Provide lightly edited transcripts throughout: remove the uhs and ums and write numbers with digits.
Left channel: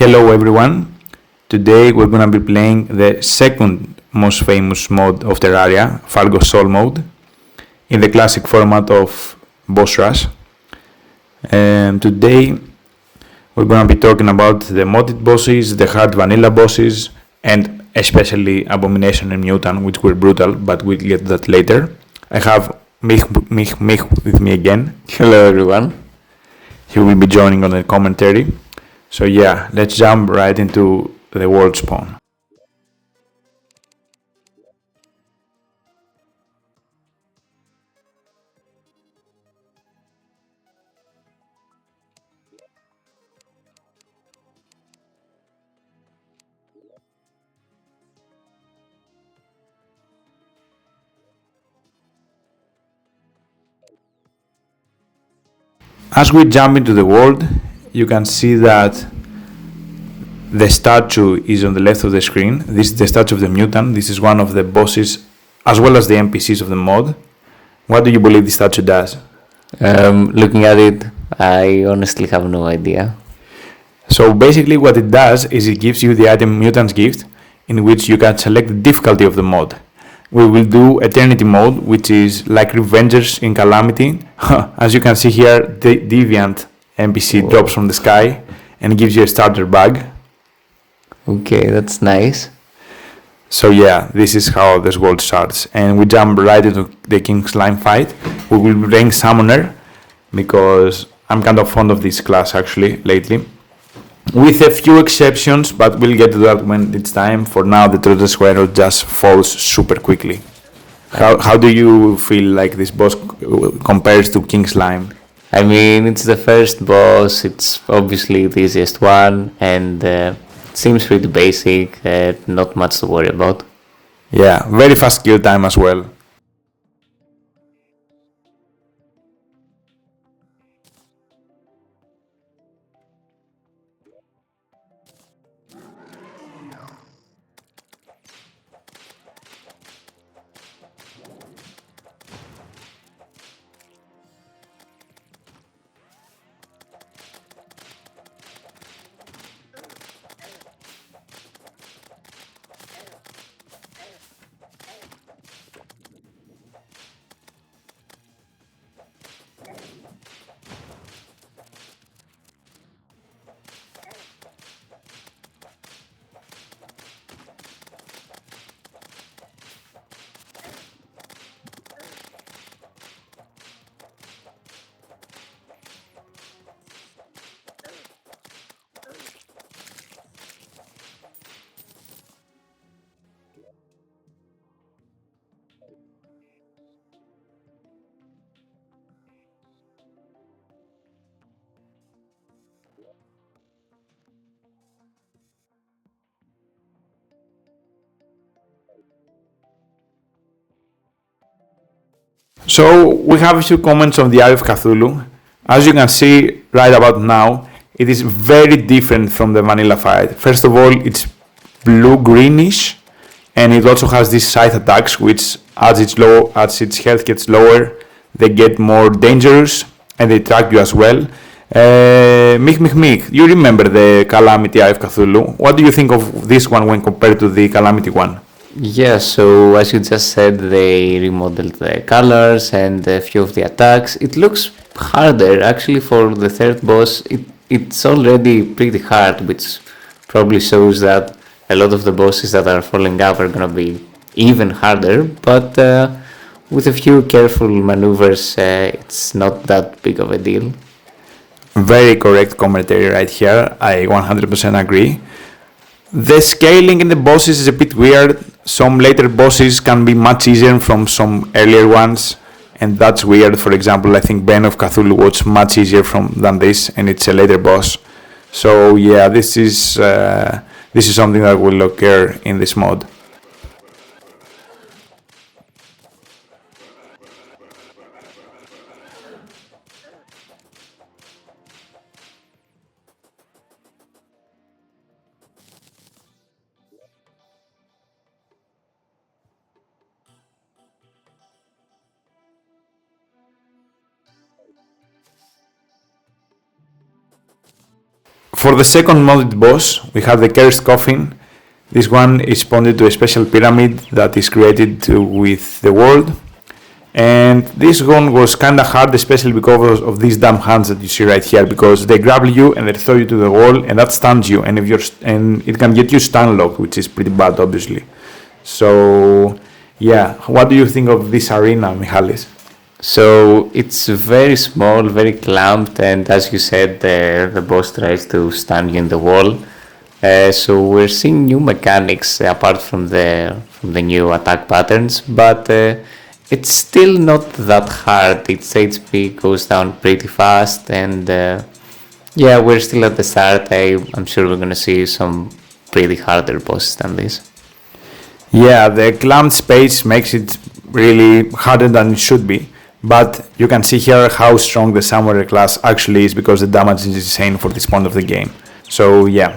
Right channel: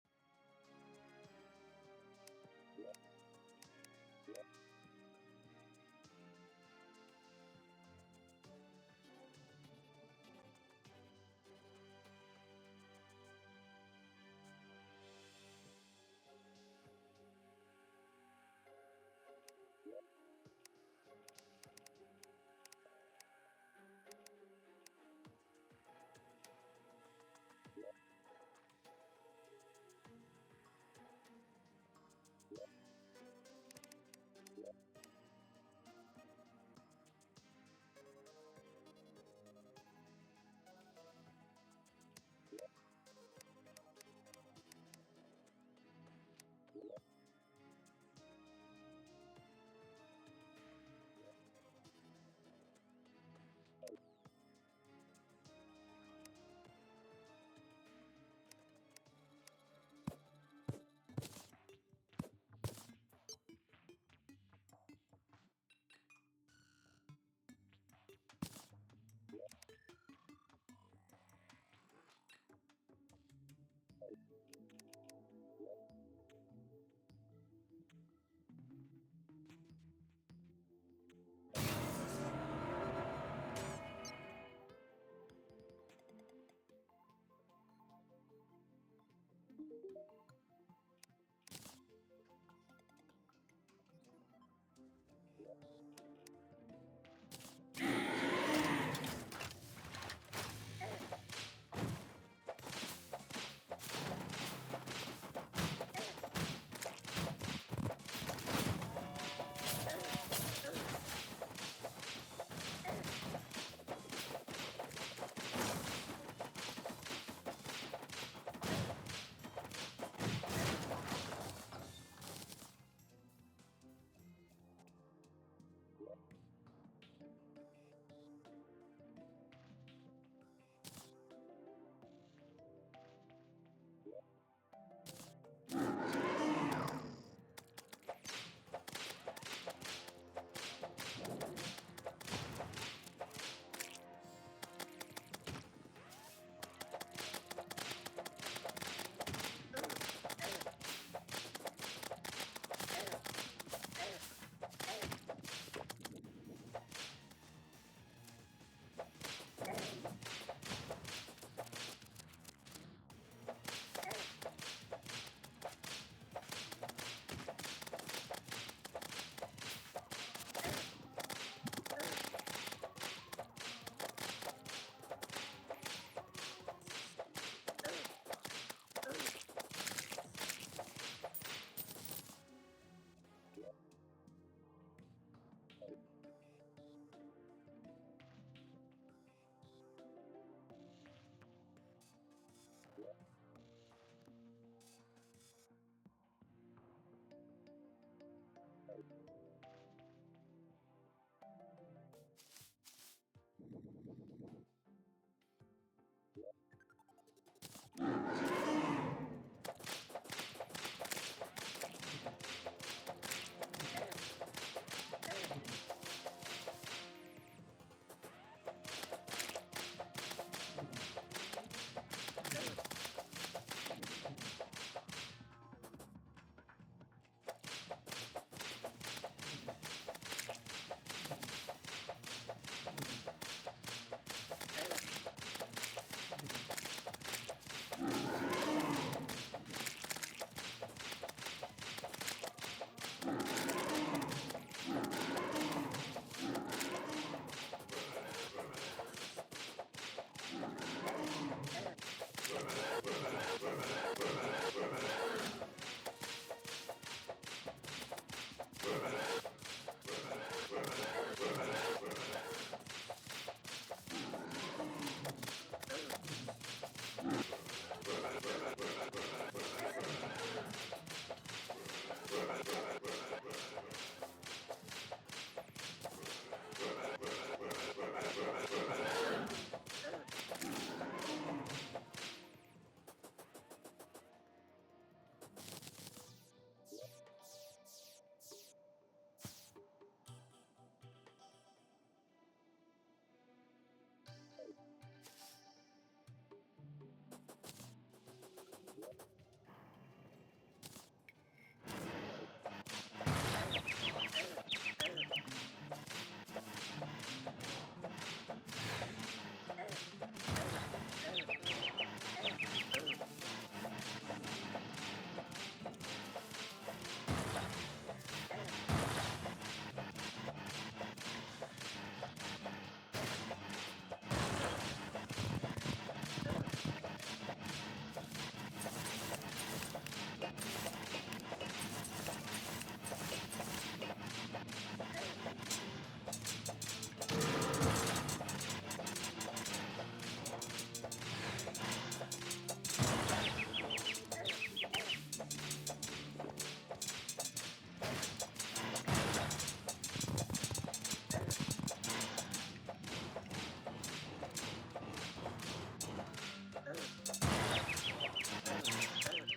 Hello everyone. Today we're gonna be playing the second most famous mode of Terraria, Fargo Soul mode, in the classic format of boss rush. And today we're gonna be talking about the modded bosses, the hard vanilla bosses, and especially Abomination and Mutant, which were brutal, but we'll get to that later. I have Mich with me again. Hello everyone. He will be joining on the commentary. So yeah, let's jump right into the world spawn. As we jump into the world, you can see that the statue is on the left of the screen. This is the statue of the mutant. This is one of the bosses as well as the NPCs of the mod. What do you believe the statue does? Looking at it, I honestly have no idea. So basically what it does is it gives you the item Mutant's Gift, in which you can select the difficulty of the mod. We will do Eternity mode, which is like Revengers in Calamity. As you can see here, the Deviant NPC drops from the sky and gives you a starter bag. Okay, that's nice. So yeah, this is how this world starts. And we jump right into the King Slime fight. We will bring Summoner, because I'm kind of fond of this class actually lately. With a few exceptions, but we'll get to that when it's time. For now, the Trojan Squirrel just falls super quickly. How do you feel like this boss compares to King Slime? I mean, it's the first boss, it's obviously the easiest one, and seems pretty basic, not much to worry about. Yeah, very fast kill time as well. So we have a few comments on the Eye of Cthulhu. As you can see right about now, it is very different from the vanilla fight. First of all, it's blue-greenish, and it also has these scythe attacks, which as its health gets lower, they get more dangerous, and they track you as well. Mich, you remember the Calamity Eye of Cthulhu. What do you think of this one when compared to the Calamity one? Yeah, so as you just said, they remodeled the colors and a few of the attacks. It looks harder, actually, for the third boss. It's already pretty hard, which probably shows that a lot of the bosses that are falling up are gonna be even harder, but with a few careful maneuvers, it's not that big of a deal. Very correct commentary right here. I 100% agree. The scaling in the bosses is a bit weird. Some later bosses can be much easier from some earlier ones, and that's weird. For example, I think Bane of Cthulhu was much easier than this, and it's a later boss. So yeah, this is something that will occur in this mod. For the second modded boss, we have the Cursed Coffin. This one is bonded to a special pyramid that is created with the world. And this one was kinda hard, especially because of these dumb hands that you see right here, because they grapple you and they throw you to the wall, and that stuns you, and it can get you stun locked, which is pretty bad, obviously. So, yeah, what do you think of this arena, Michalis? So it's very small, very clamped, and as you said, the boss tries to stun you in the wall. So we're seeing new mechanics apart from the new attack patterns, but it's still not that hard. Its HP goes down pretty fast, and yeah, we're still at the start. I'm sure we're gonna see some pretty harder bosses than this. Yeah, the clamped space makes it really harder than it should be. But you can see here how strong the Samurai class actually is, because the damage is insane for this point of the game. So yeah.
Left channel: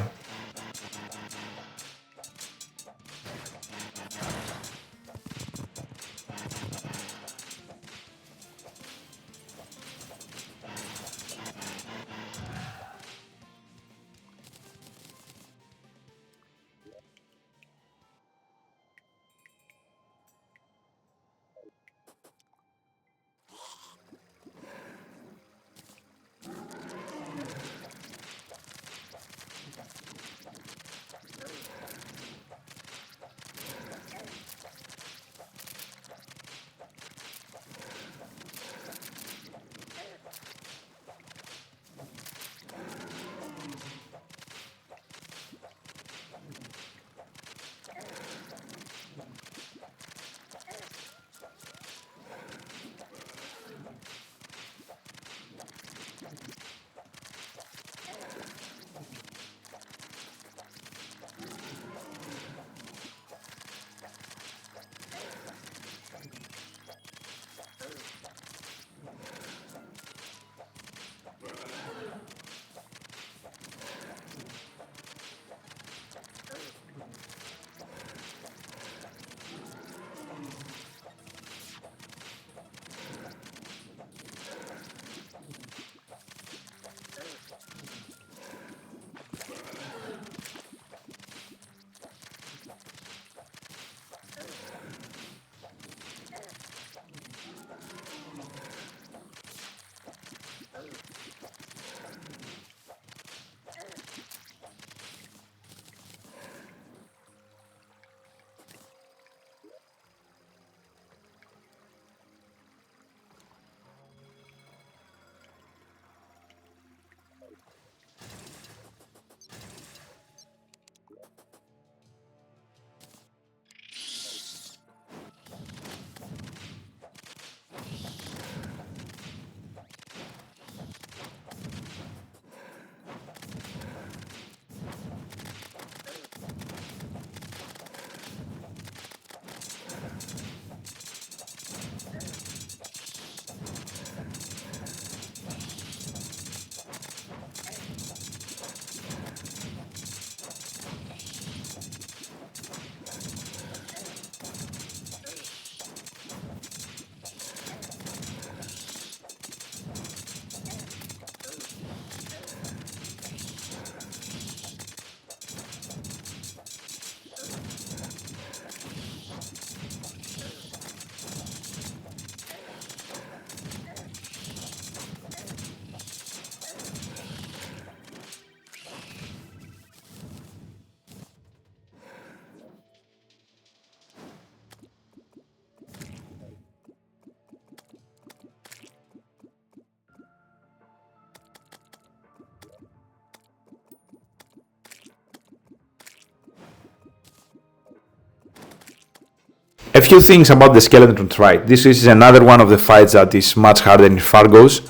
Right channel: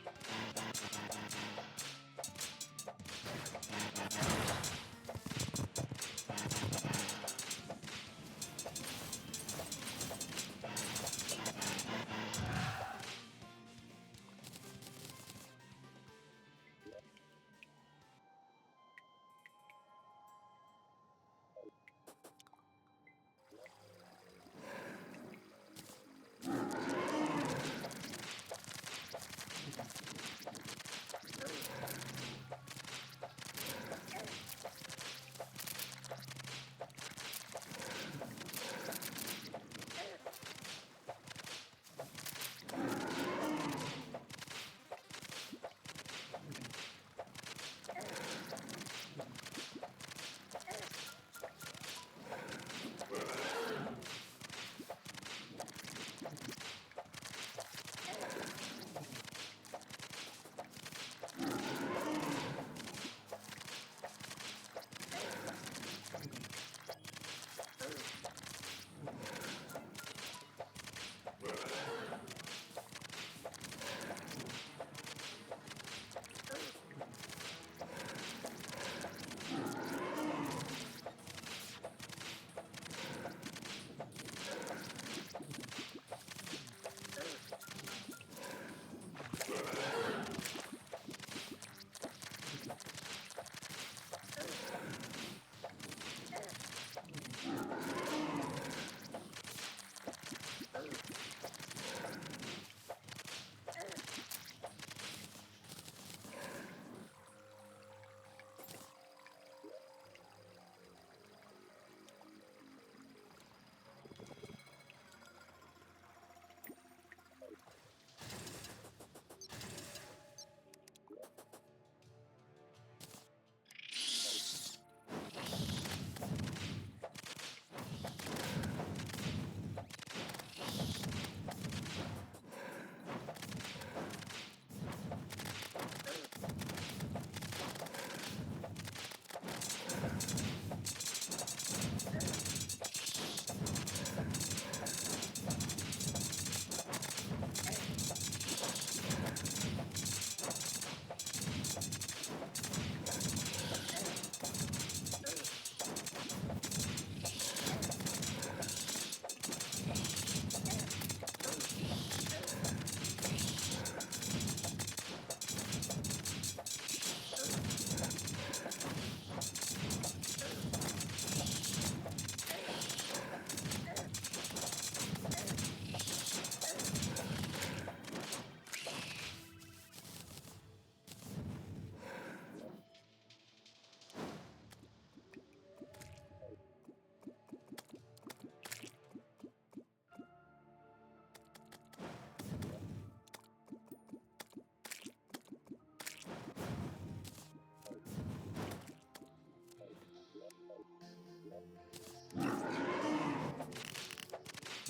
A few things about the skeleton fight. This is another one of the fights that is much harder in Fargo's.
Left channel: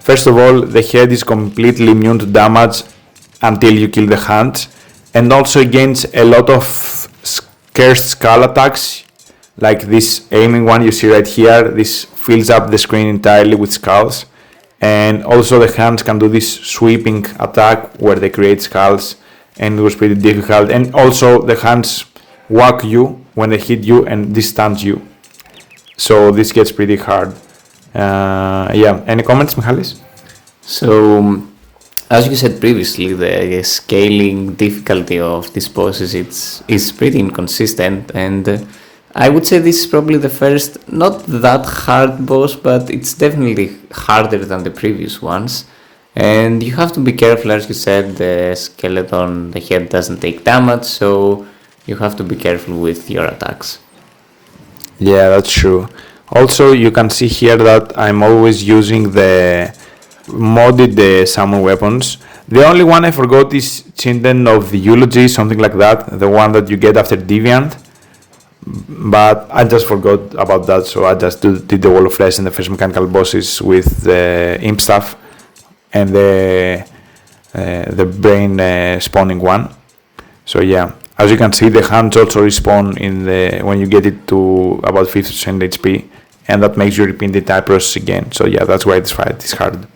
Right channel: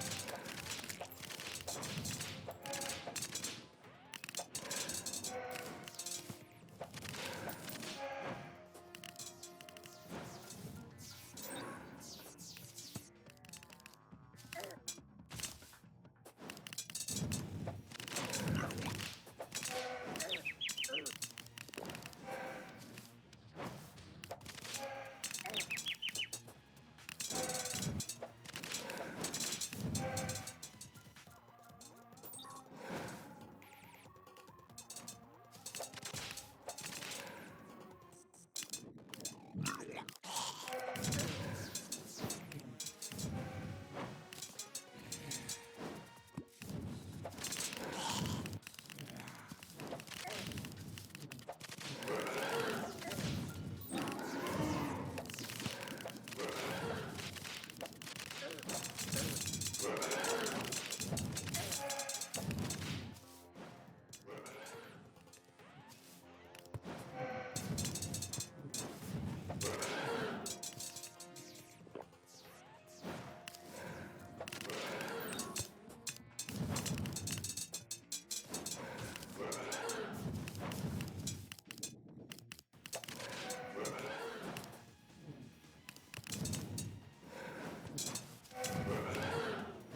First of all, the head is completely immune to damage until you kill the hands, and also against a lot of cursed skull attacks, like this aiming one you see right here. This fills up the screen entirely with skulls, and also the hands can do this sweeping attack where they create skulls, and it was pretty difficult. And also the hands whack you when they hit you and this stuns you, so this gets pretty hard. Yeah, any comments, Michalis? So As you said previously, the scaling difficulty of these bosses is pretty inconsistent, and I would say this is probably the first not that hard boss, but it's definitely harder than the previous ones. And you have to be careful, as you said, the skeleton, the head doesn't take damage, so you have to be careful with your attacks. Yeah, that's true. Also, you can see here that I'm always using the modded summon weapons. The only one I forgot is Chinden of the Eulogy, something like that, the one that you get after Deviant. But I just forgot about that, so I just did the Wall of Flesh and the first mechanical bosses with the Imp Staff and the brain spawning one. So yeah, as you can see, the hands also respawn when you get it to about 50% HP, and that makes you repeat the entire process again. So yeah, that's why this fight is hard.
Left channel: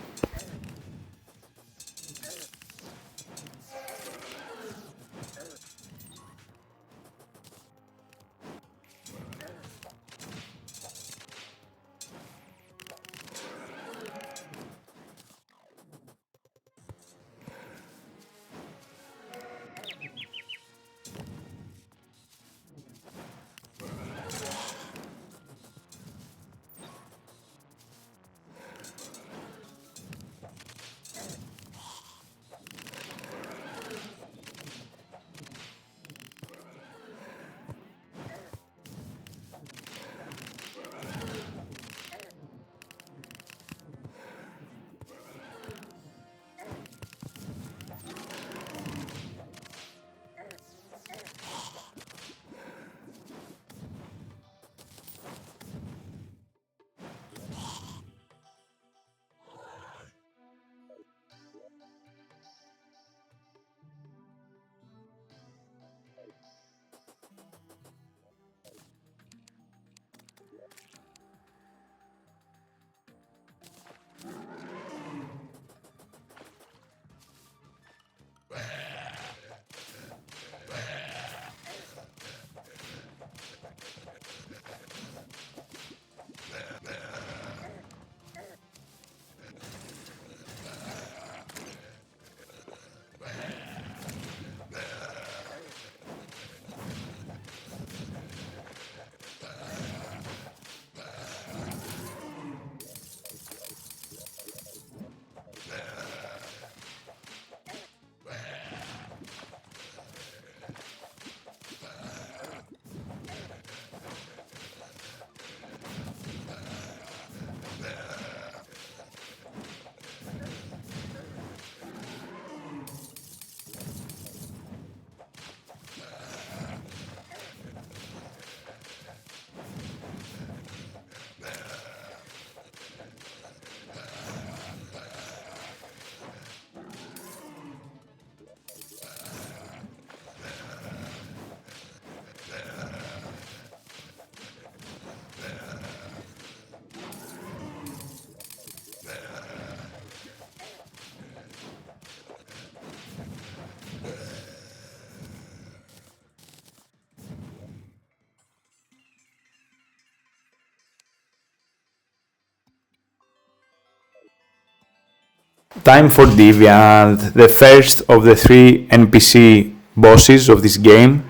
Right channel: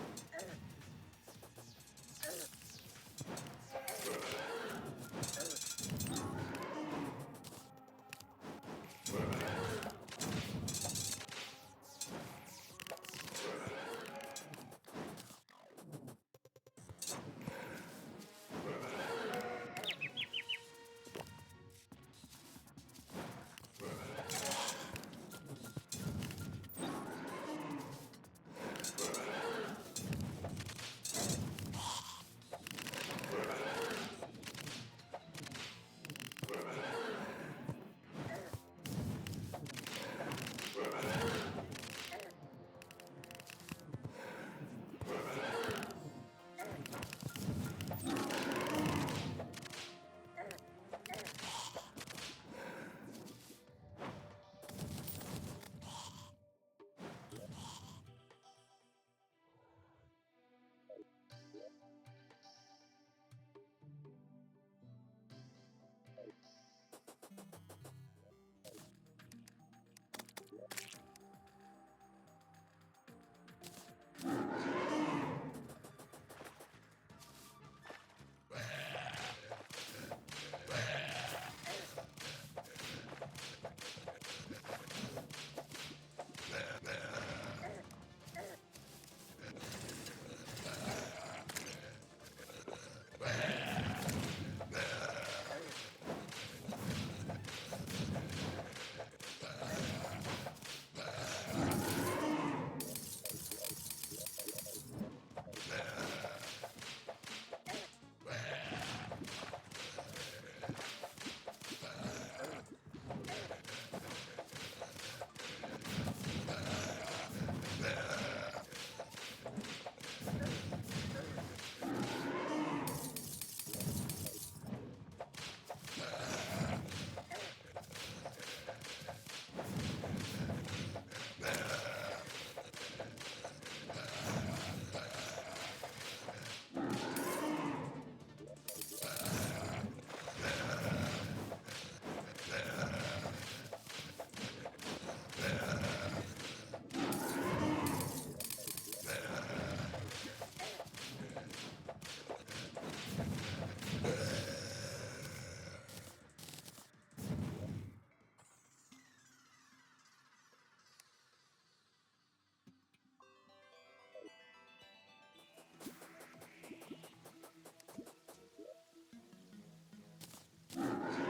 Time for Deviant, the first of the three NPC bosses of this game,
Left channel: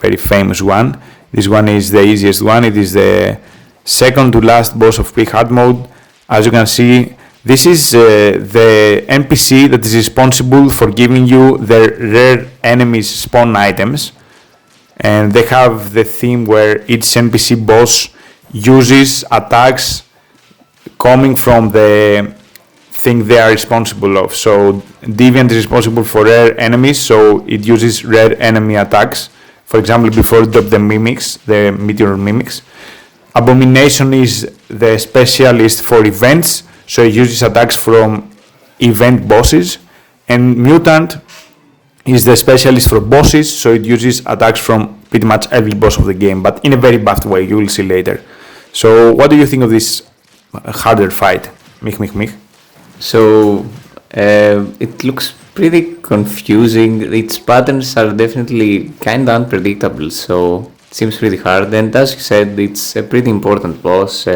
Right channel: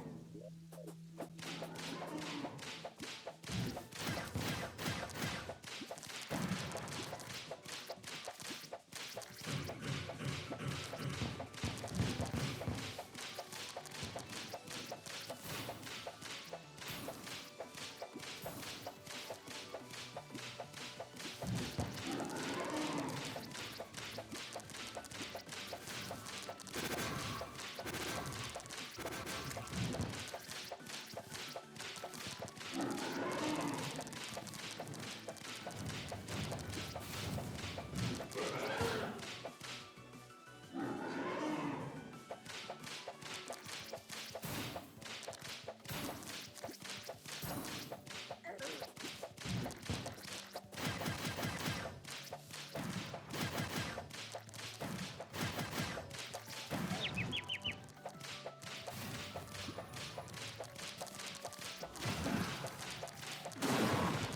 very famous one. This one is the easiest one. It is the second to last boss of pre-hard mode. As you can see, this is the NPC that is responsible for giving you the rare enemies spawn items. And they have the theme where each NPC boss uses attacks coming from the thing they are responsible of. So Deviant is responsible for rare enemies, so it uses rare enemy attacks. For example, before it dropped the mimics, the meteor mimics. Abomination is the specialist for events, so it uses attacks from event bosses. And Mutant is the specialist for bosses, so it uses attacks from pretty much every boss of the game, but in a very buffed way, you will see later. So what do you think of this harder fight? Mich. So it looks pretty confusing. Its patterns are definitely kind of unpredictable, so it seems pretty hard. And as you said, it's a pretty important boss.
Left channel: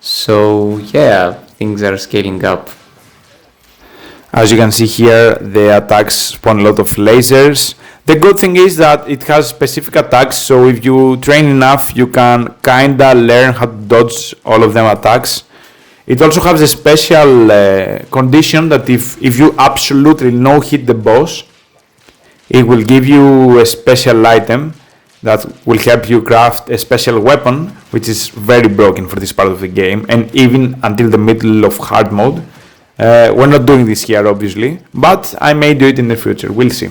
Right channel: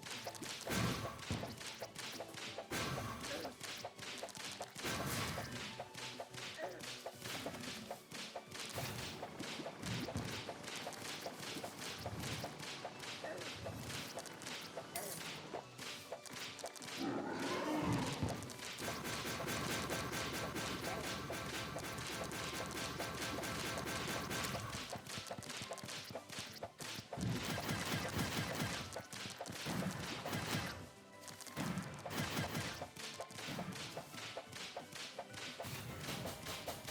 So yeah, things are scaling up. As you can see here, the attacks spawn a lot of lasers. The good thing is that it has specific attacks, so if you train enough, you can kinda learn how to dodge all of them attacks. It also has a special condition that if you absolutely no-hit the boss, it will give you a special item that will help you craft a special weapon, which is very broken for this part of the game, and even until the middle of hard mode. We're not doing this here, obviously, but I may do it in the future. We'll see.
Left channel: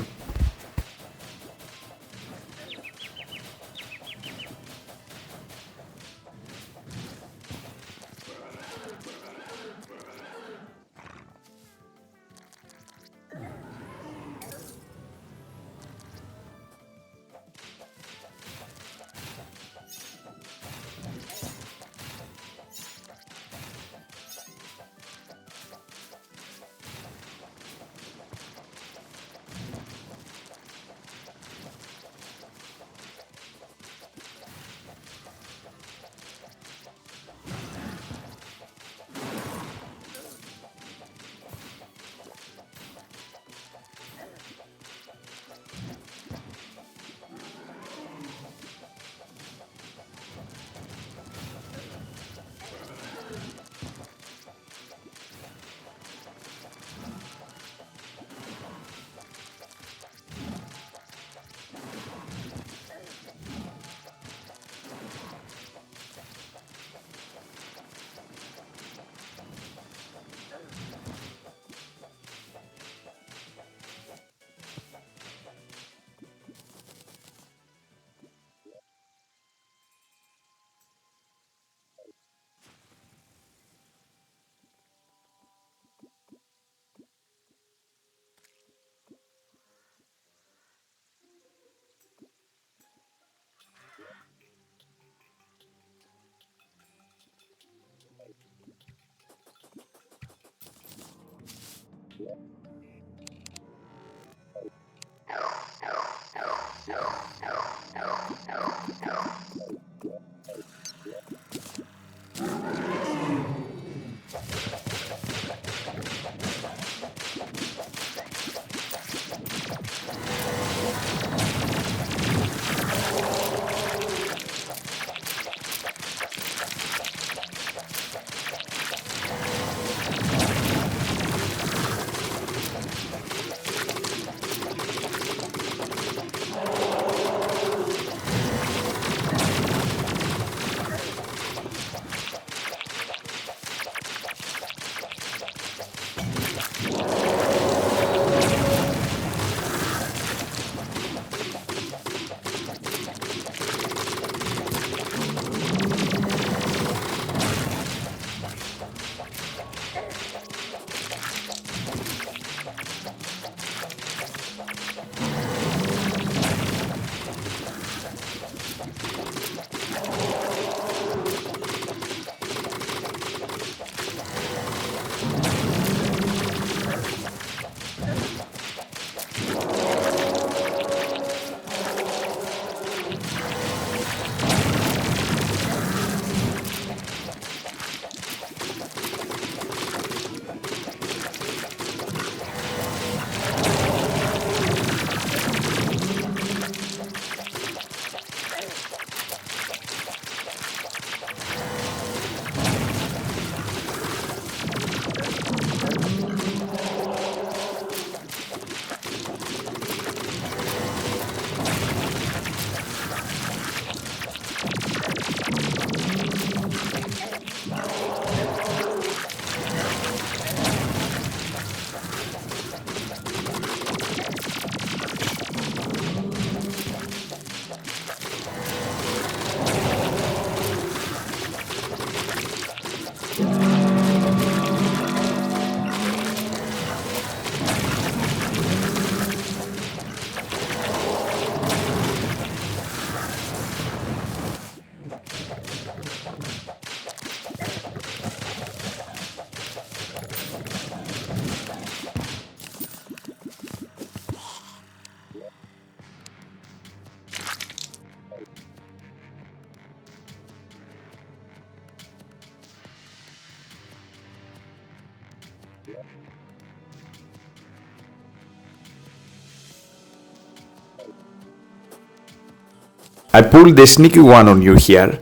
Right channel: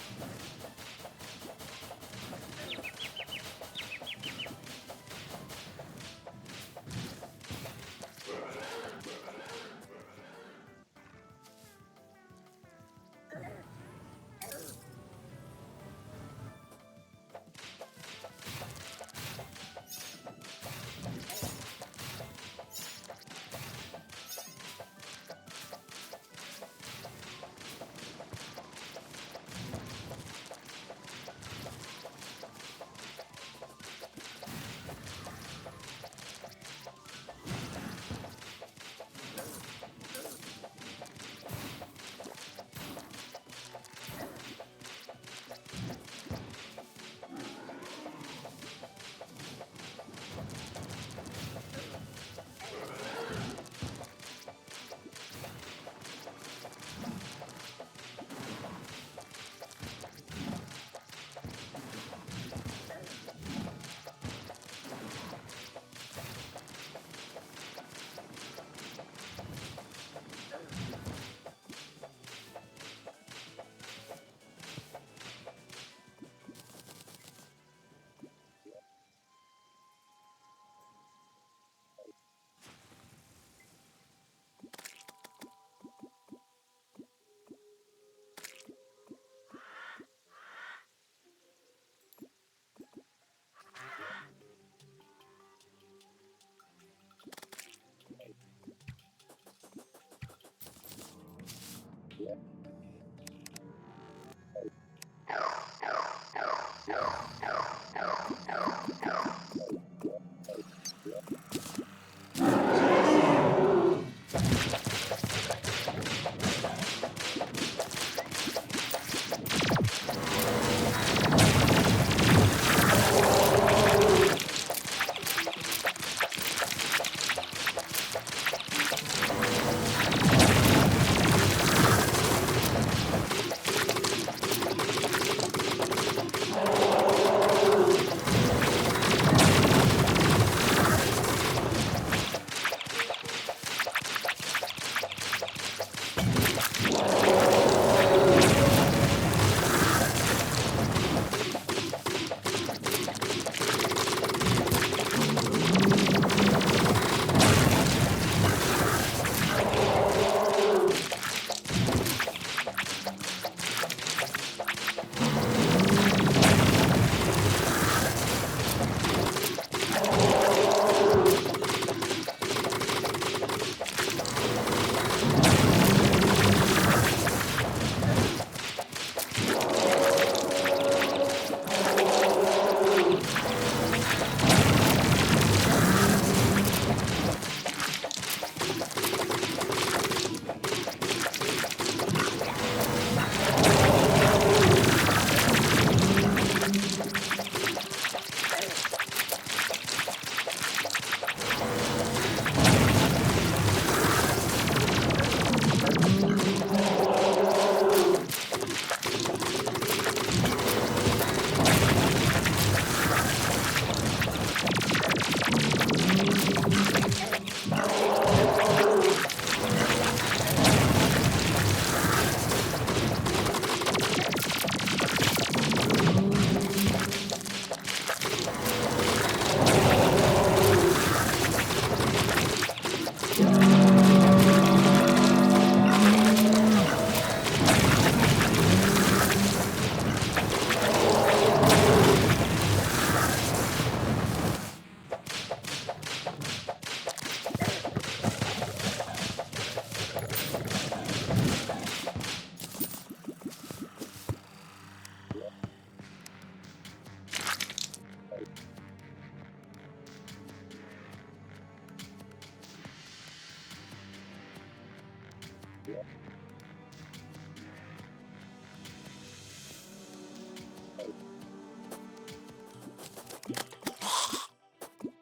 I pulled the sneaky one on you here.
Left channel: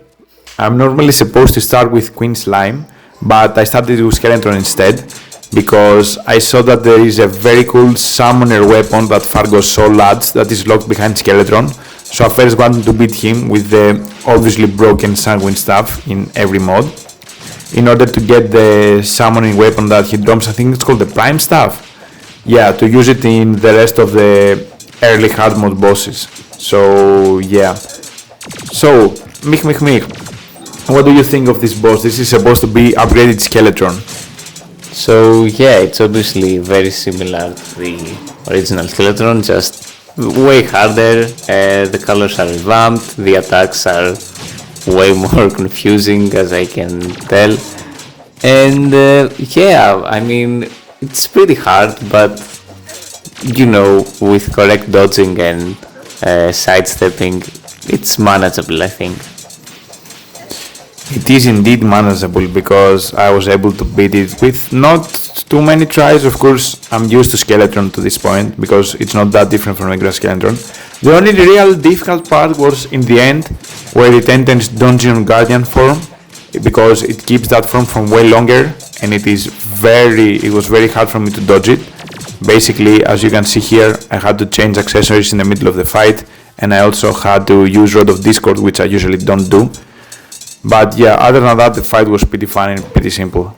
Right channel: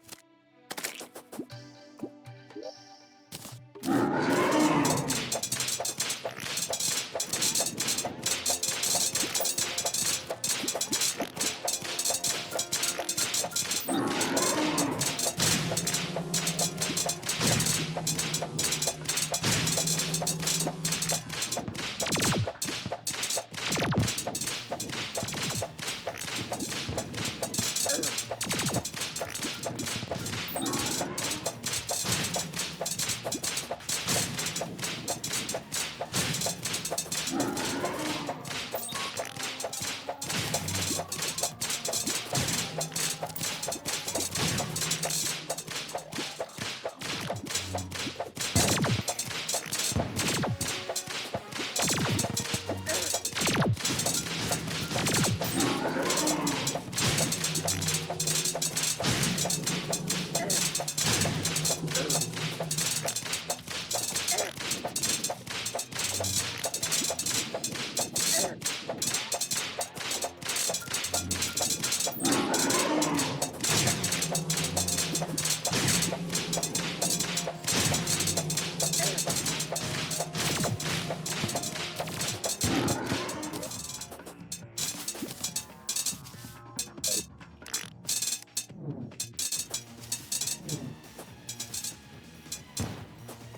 I'm normally supposed to start with Queen Slime, but I started with Skeleton instead, because I saw that there is a very cool summoner weapon that Fargo saw lads that is locked behind Skeleton, so I first wanted to beat him with the obviously broken Sanguine stuff in every mod, in order to get the summoning weapon that he drops. I think it's called the Prime Staff. Yeah, to use it in the rest of the early hard mode bosses. So yeah. So, Mich, what do you think of this boss? This is supposed to be upgraded Skeleton. So yeah, it's obviously very similar to the original Skeleton, just way harder. The colors are revamped, the attacks are way more confusing, as I can tell. And yeah, I mean, it's pretty hard, but you know, with correct dodging and sidestepping, it's manageable, I think. It is indeed manageable because I was able to beat it with not too many tries. Of course, I'm used to Skeleton to this point because it's not that different from regular Skeleton. The only real difficult part was in the end, where it enters Dungeon Guardian form, because it keeps that form for way longer, and it was very hard for me to dodge it. Basically, as you can see here, I had to change accessories in the middle of the fight, and I also had to use Rod of Discord, which I usually don't do. But yeah, other than that, the fight was pretty fun and pretty simple.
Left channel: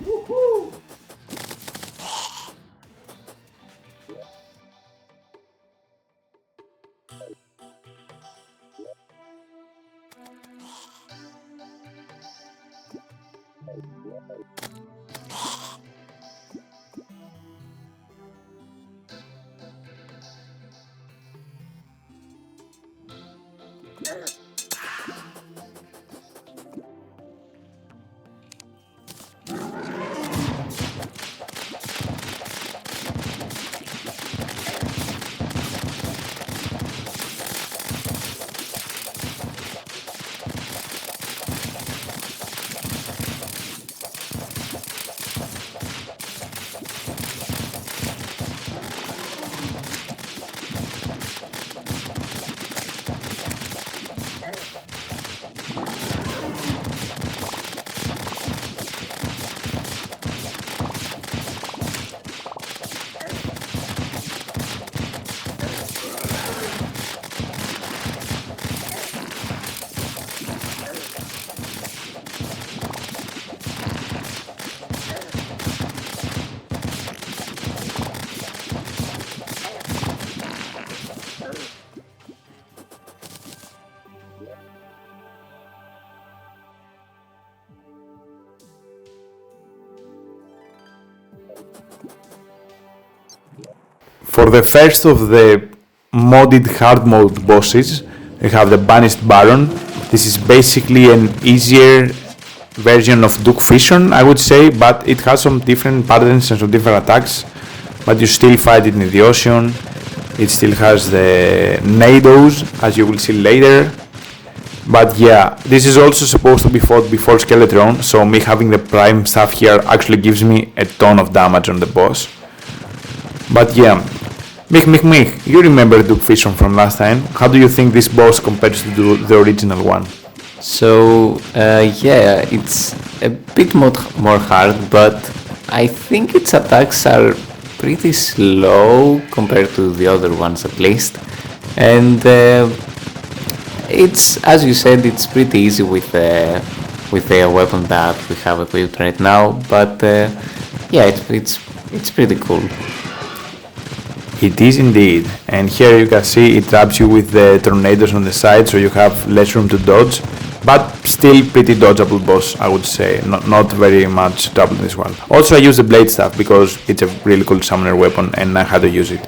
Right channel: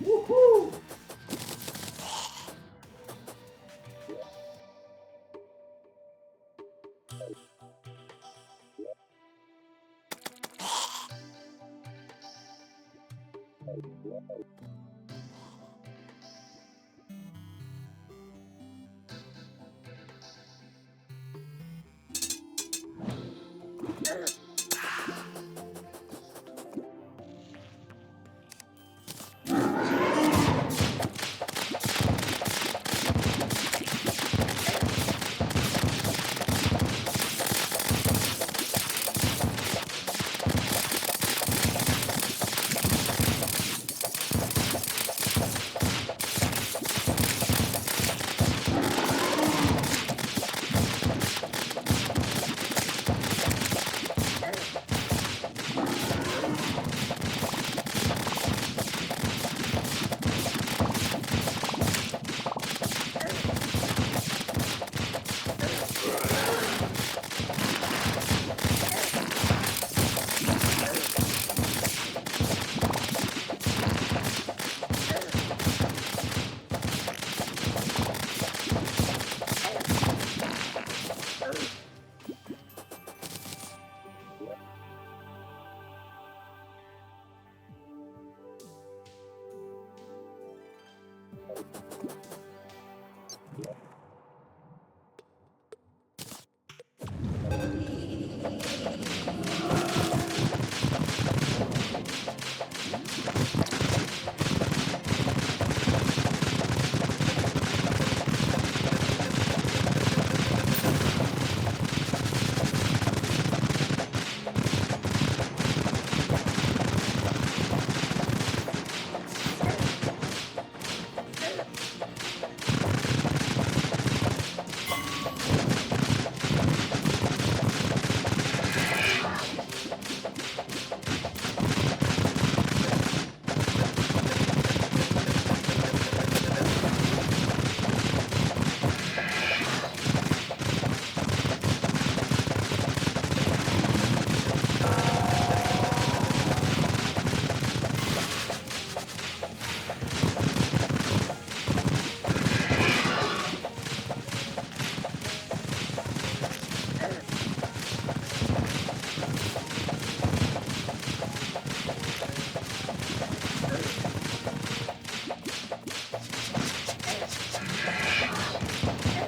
For the first of the modded hard mode bosses, we have the Banished Baron. This is basically an easier version of Duke Fission, I would say, but it has some different patterns and some different attacks, but you still fight it in the ocean. It still has the Nados, as you will see later. But yeah, this is also supposed to be fought before Skeleton, so me having the Prime stuff here actually gives me a ton of damage on the boss. But yeah, Mich, you remember Duke Fission from last time. How do you think this boss compares to the original one? So yeah, it's a bit more hard, but I think its attacks are pretty slow compared to the other ones at least. And it's, as you said, it's pretty easy with the weapon that we have equipped right now. But yeah, it's pretty cool. It is indeed, and here you can see it traps you with the tornadoes on the side, so you have less room to dodge, but still pretty dodgeable boss, I would say. Not very much trouble in this one. Also, I use the blade staff because it's a really cool summoner weapon and I had to use it.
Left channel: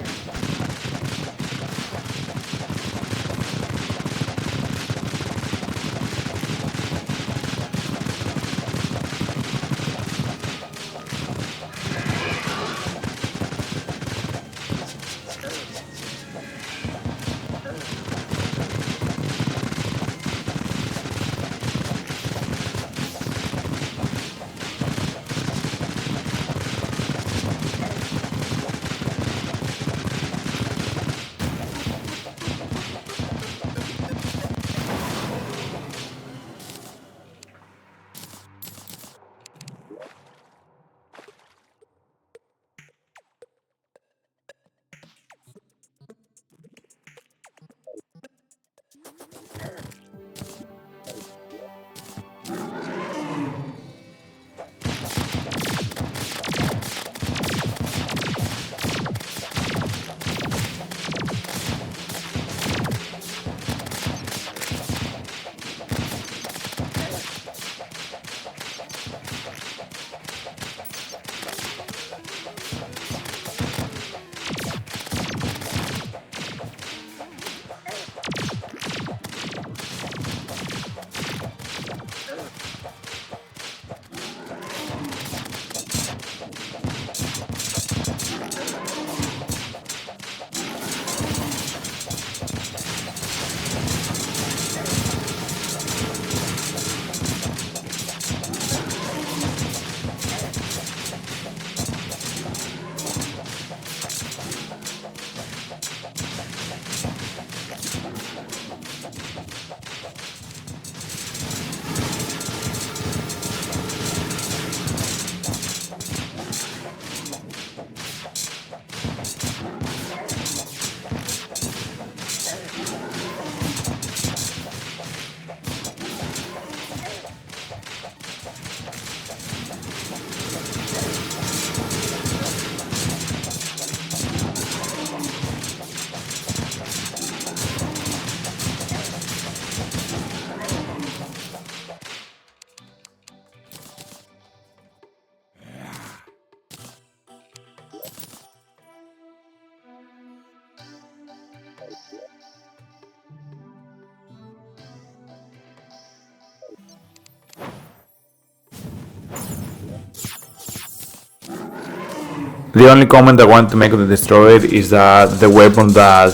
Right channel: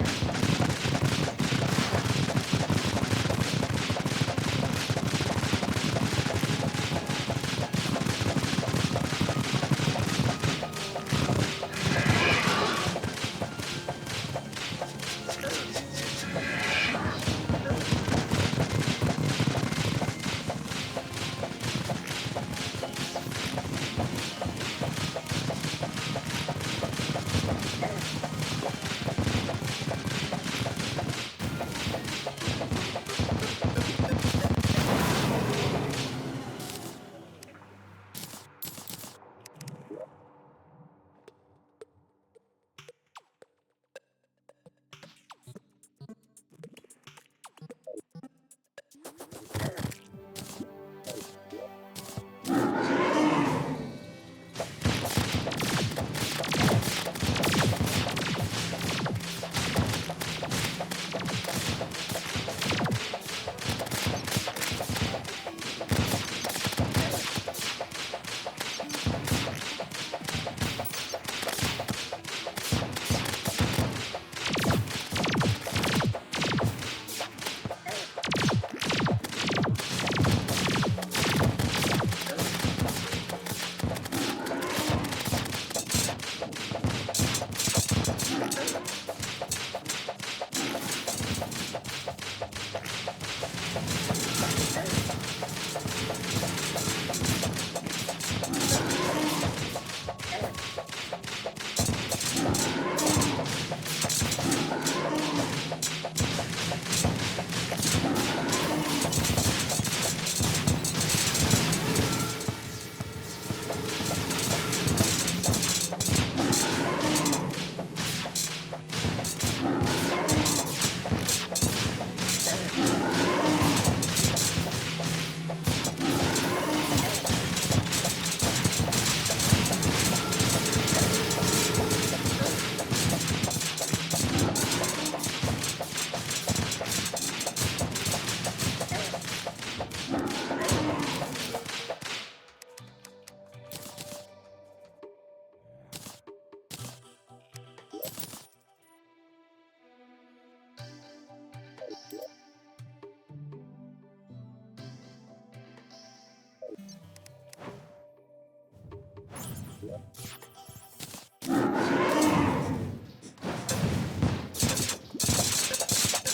The only comment I want to make on the Destroyer is that the weapon that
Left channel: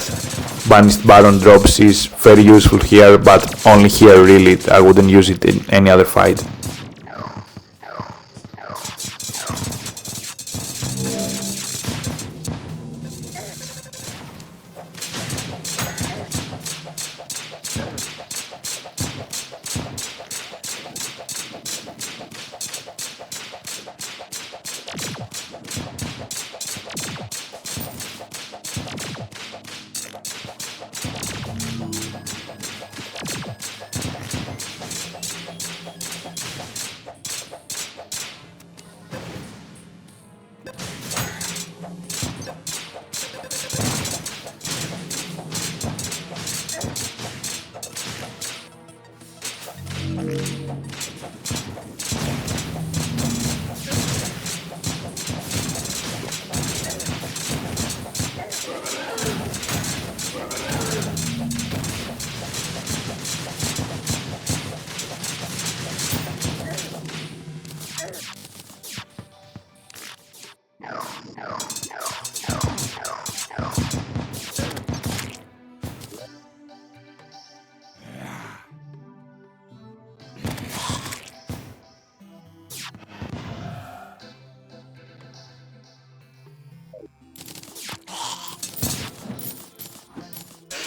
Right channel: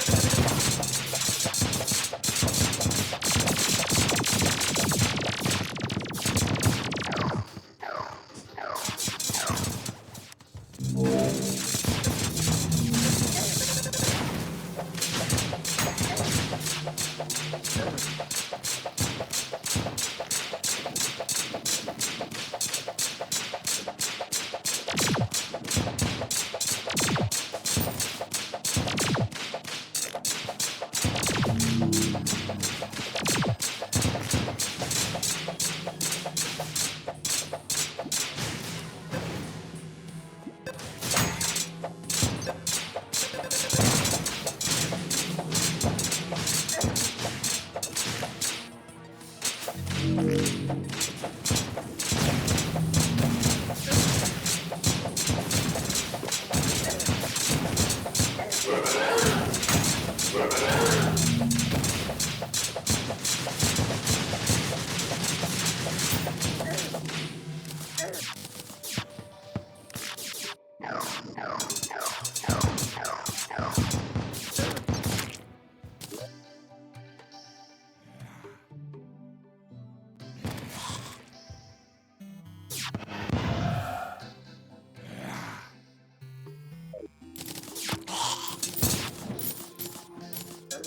Banished Baron drops is very useful here, but only here really. I wouldn't use it in any other fight.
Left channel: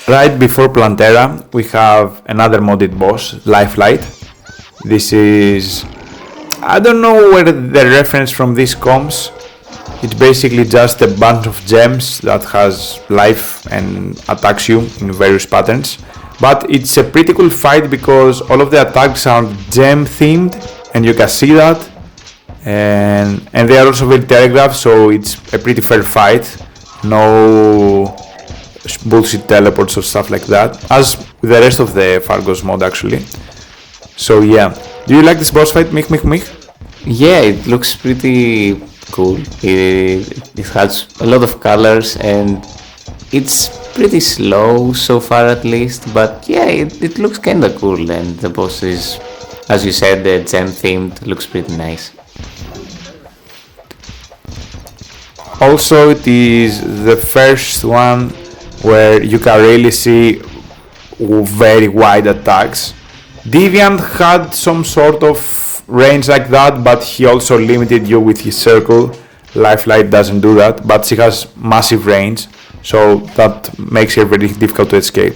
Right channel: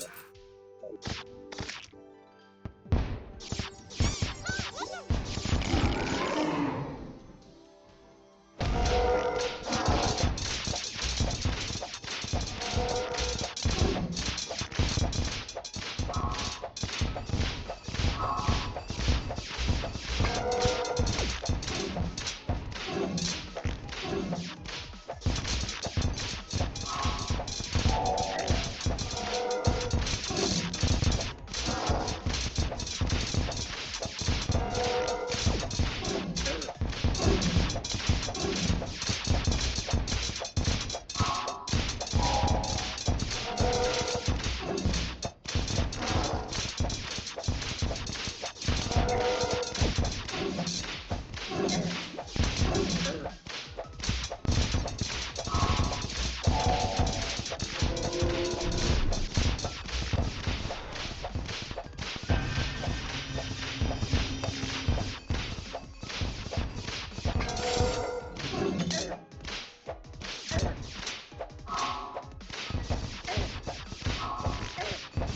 Right before Plantera, we have another modded boss, Lifelight. This is... I don't know where the reference from this comes. It's basically just a bunch of gems that has life and attacks you in various patterns. But it's a pretty cool fight because all of the attacks are gem themed and you can see that. And they are also very telegraphed, so it's a pretty fair fight. No bullshit teleports or stuff like that, as with the rest of the Fargo's mod actually. So yeah, do you like this boss fight, Mich? Yeah, it looks pretty cool. It has a lot of colors and it's pretty slow so far at least, but yeah, it looks kinda cool, and the boss is, as you said, the gem themed, looks pretty nice. Also, it is the first one where you can really see very wide attacks. Deviant had some sort of range like that, but he also limited you with his circle. Lifelight doesn't do that, but she has massive range, so that makes her very difficult to escape.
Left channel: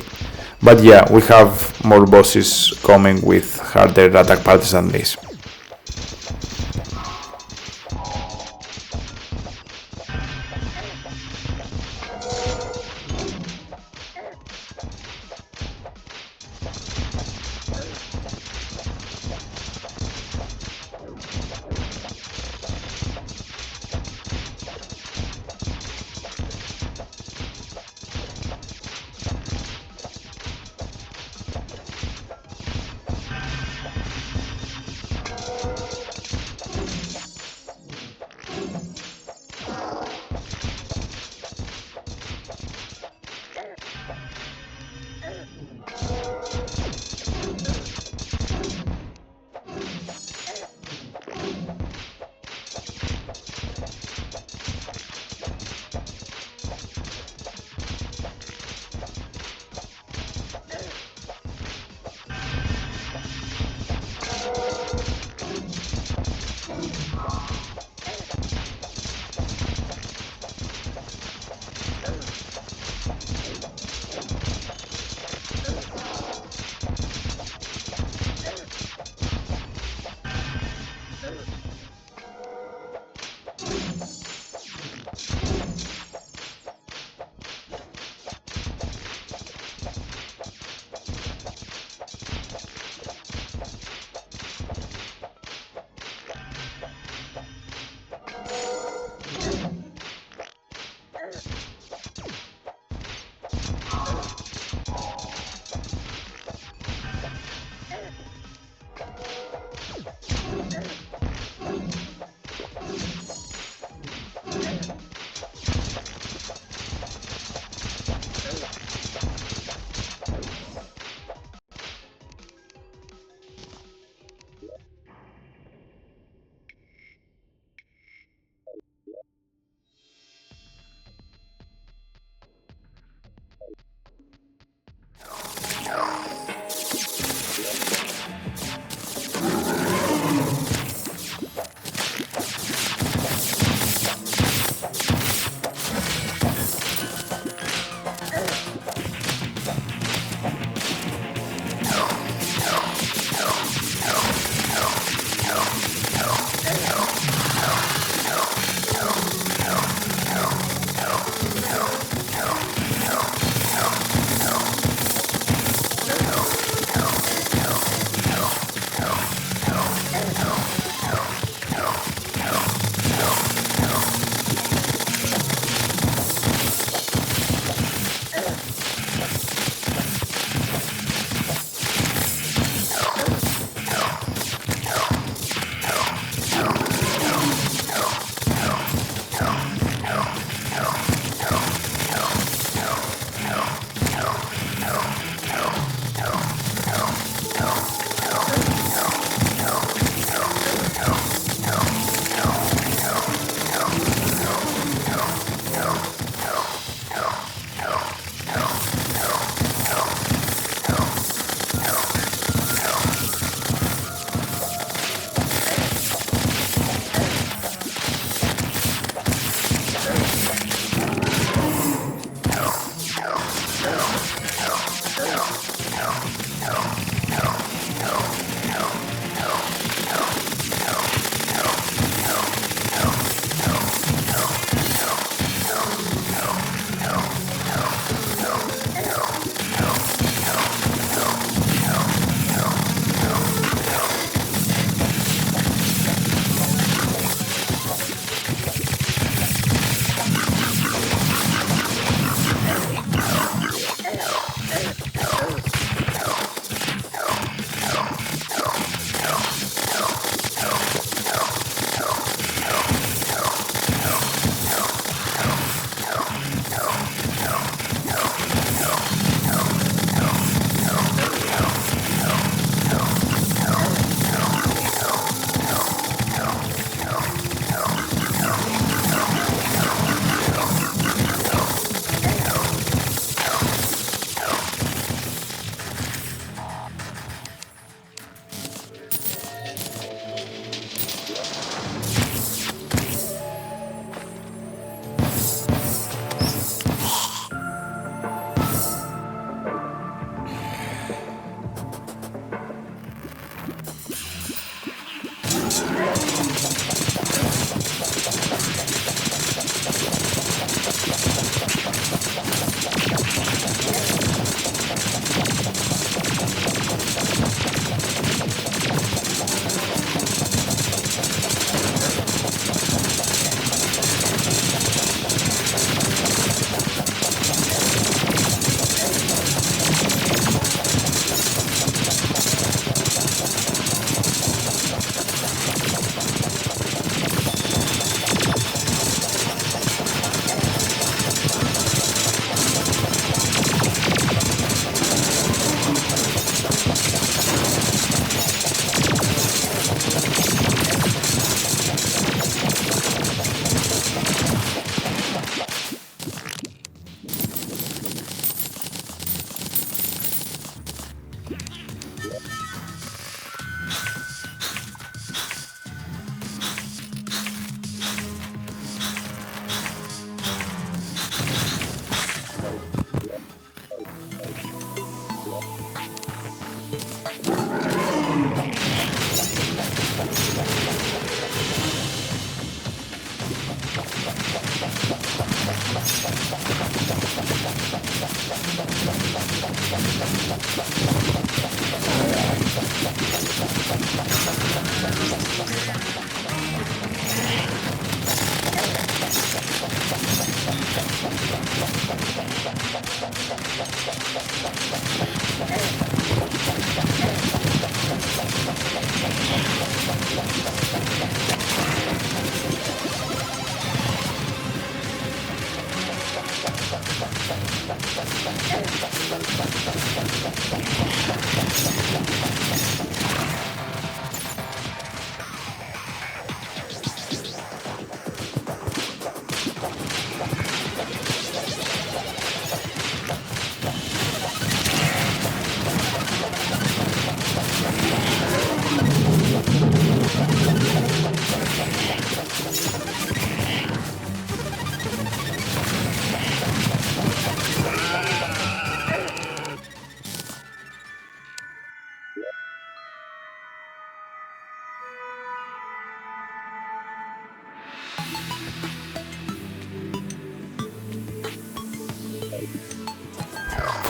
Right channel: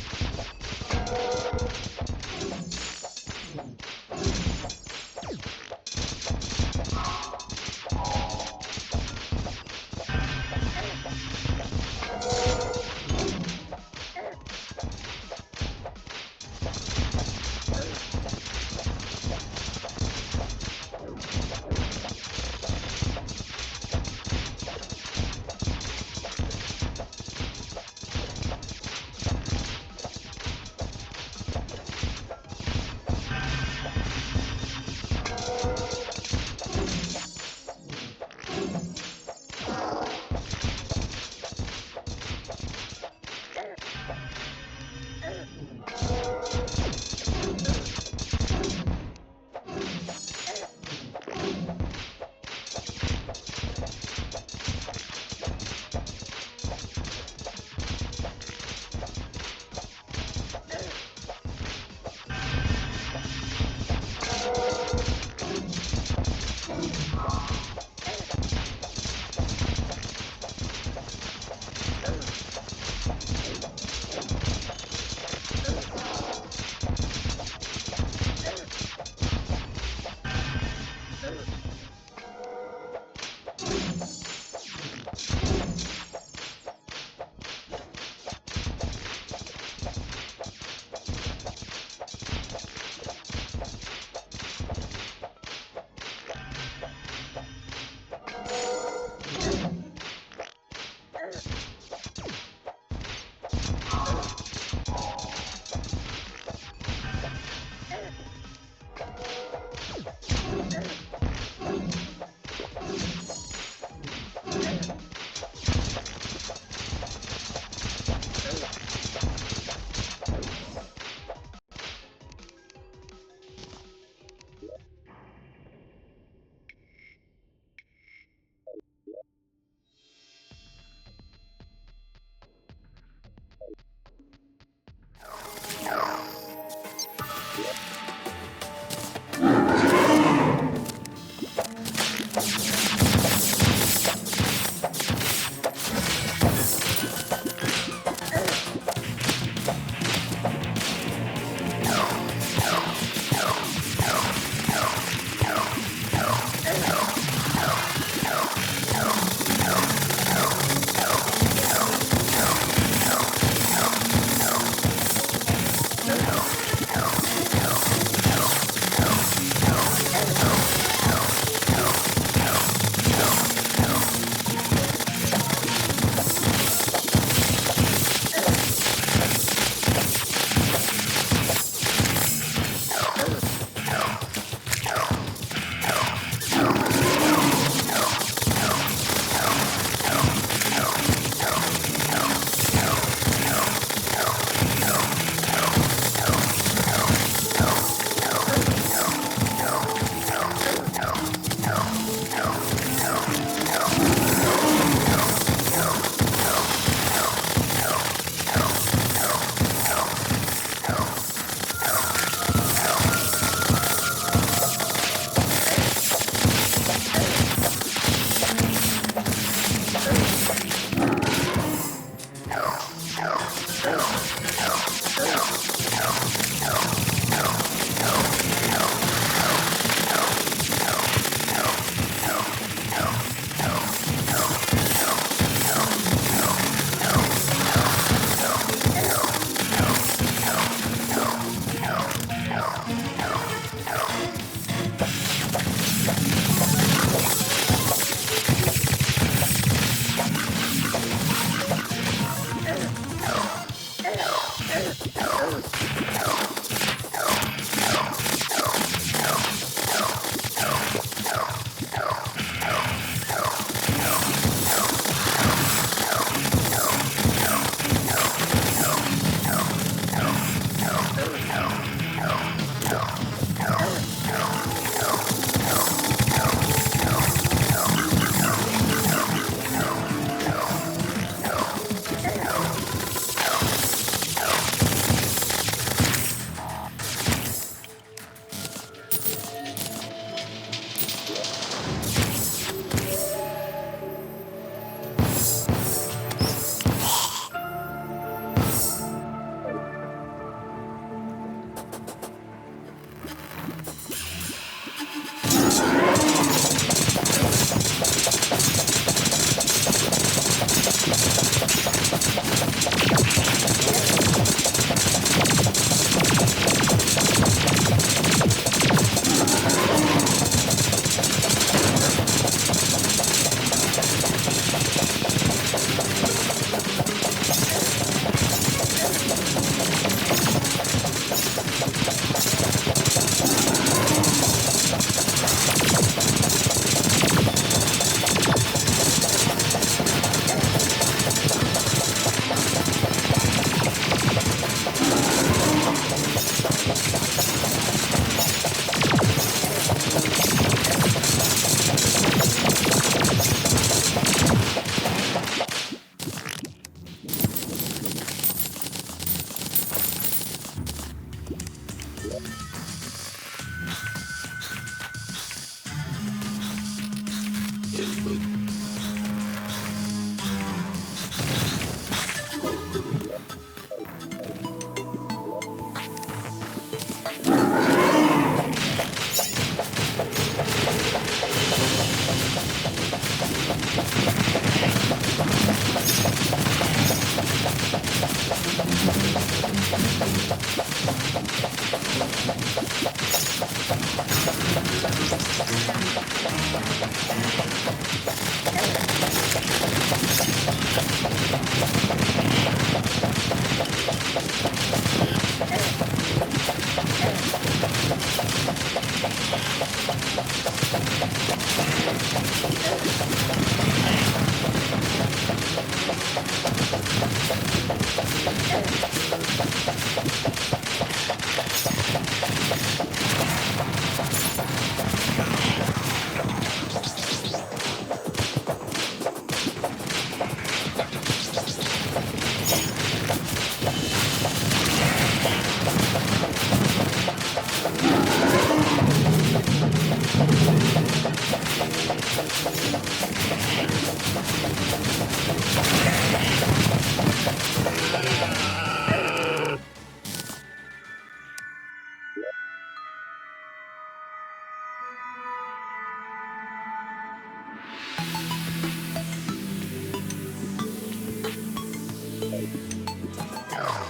But yeah, we have more bosses coming with harder attack patterns than this.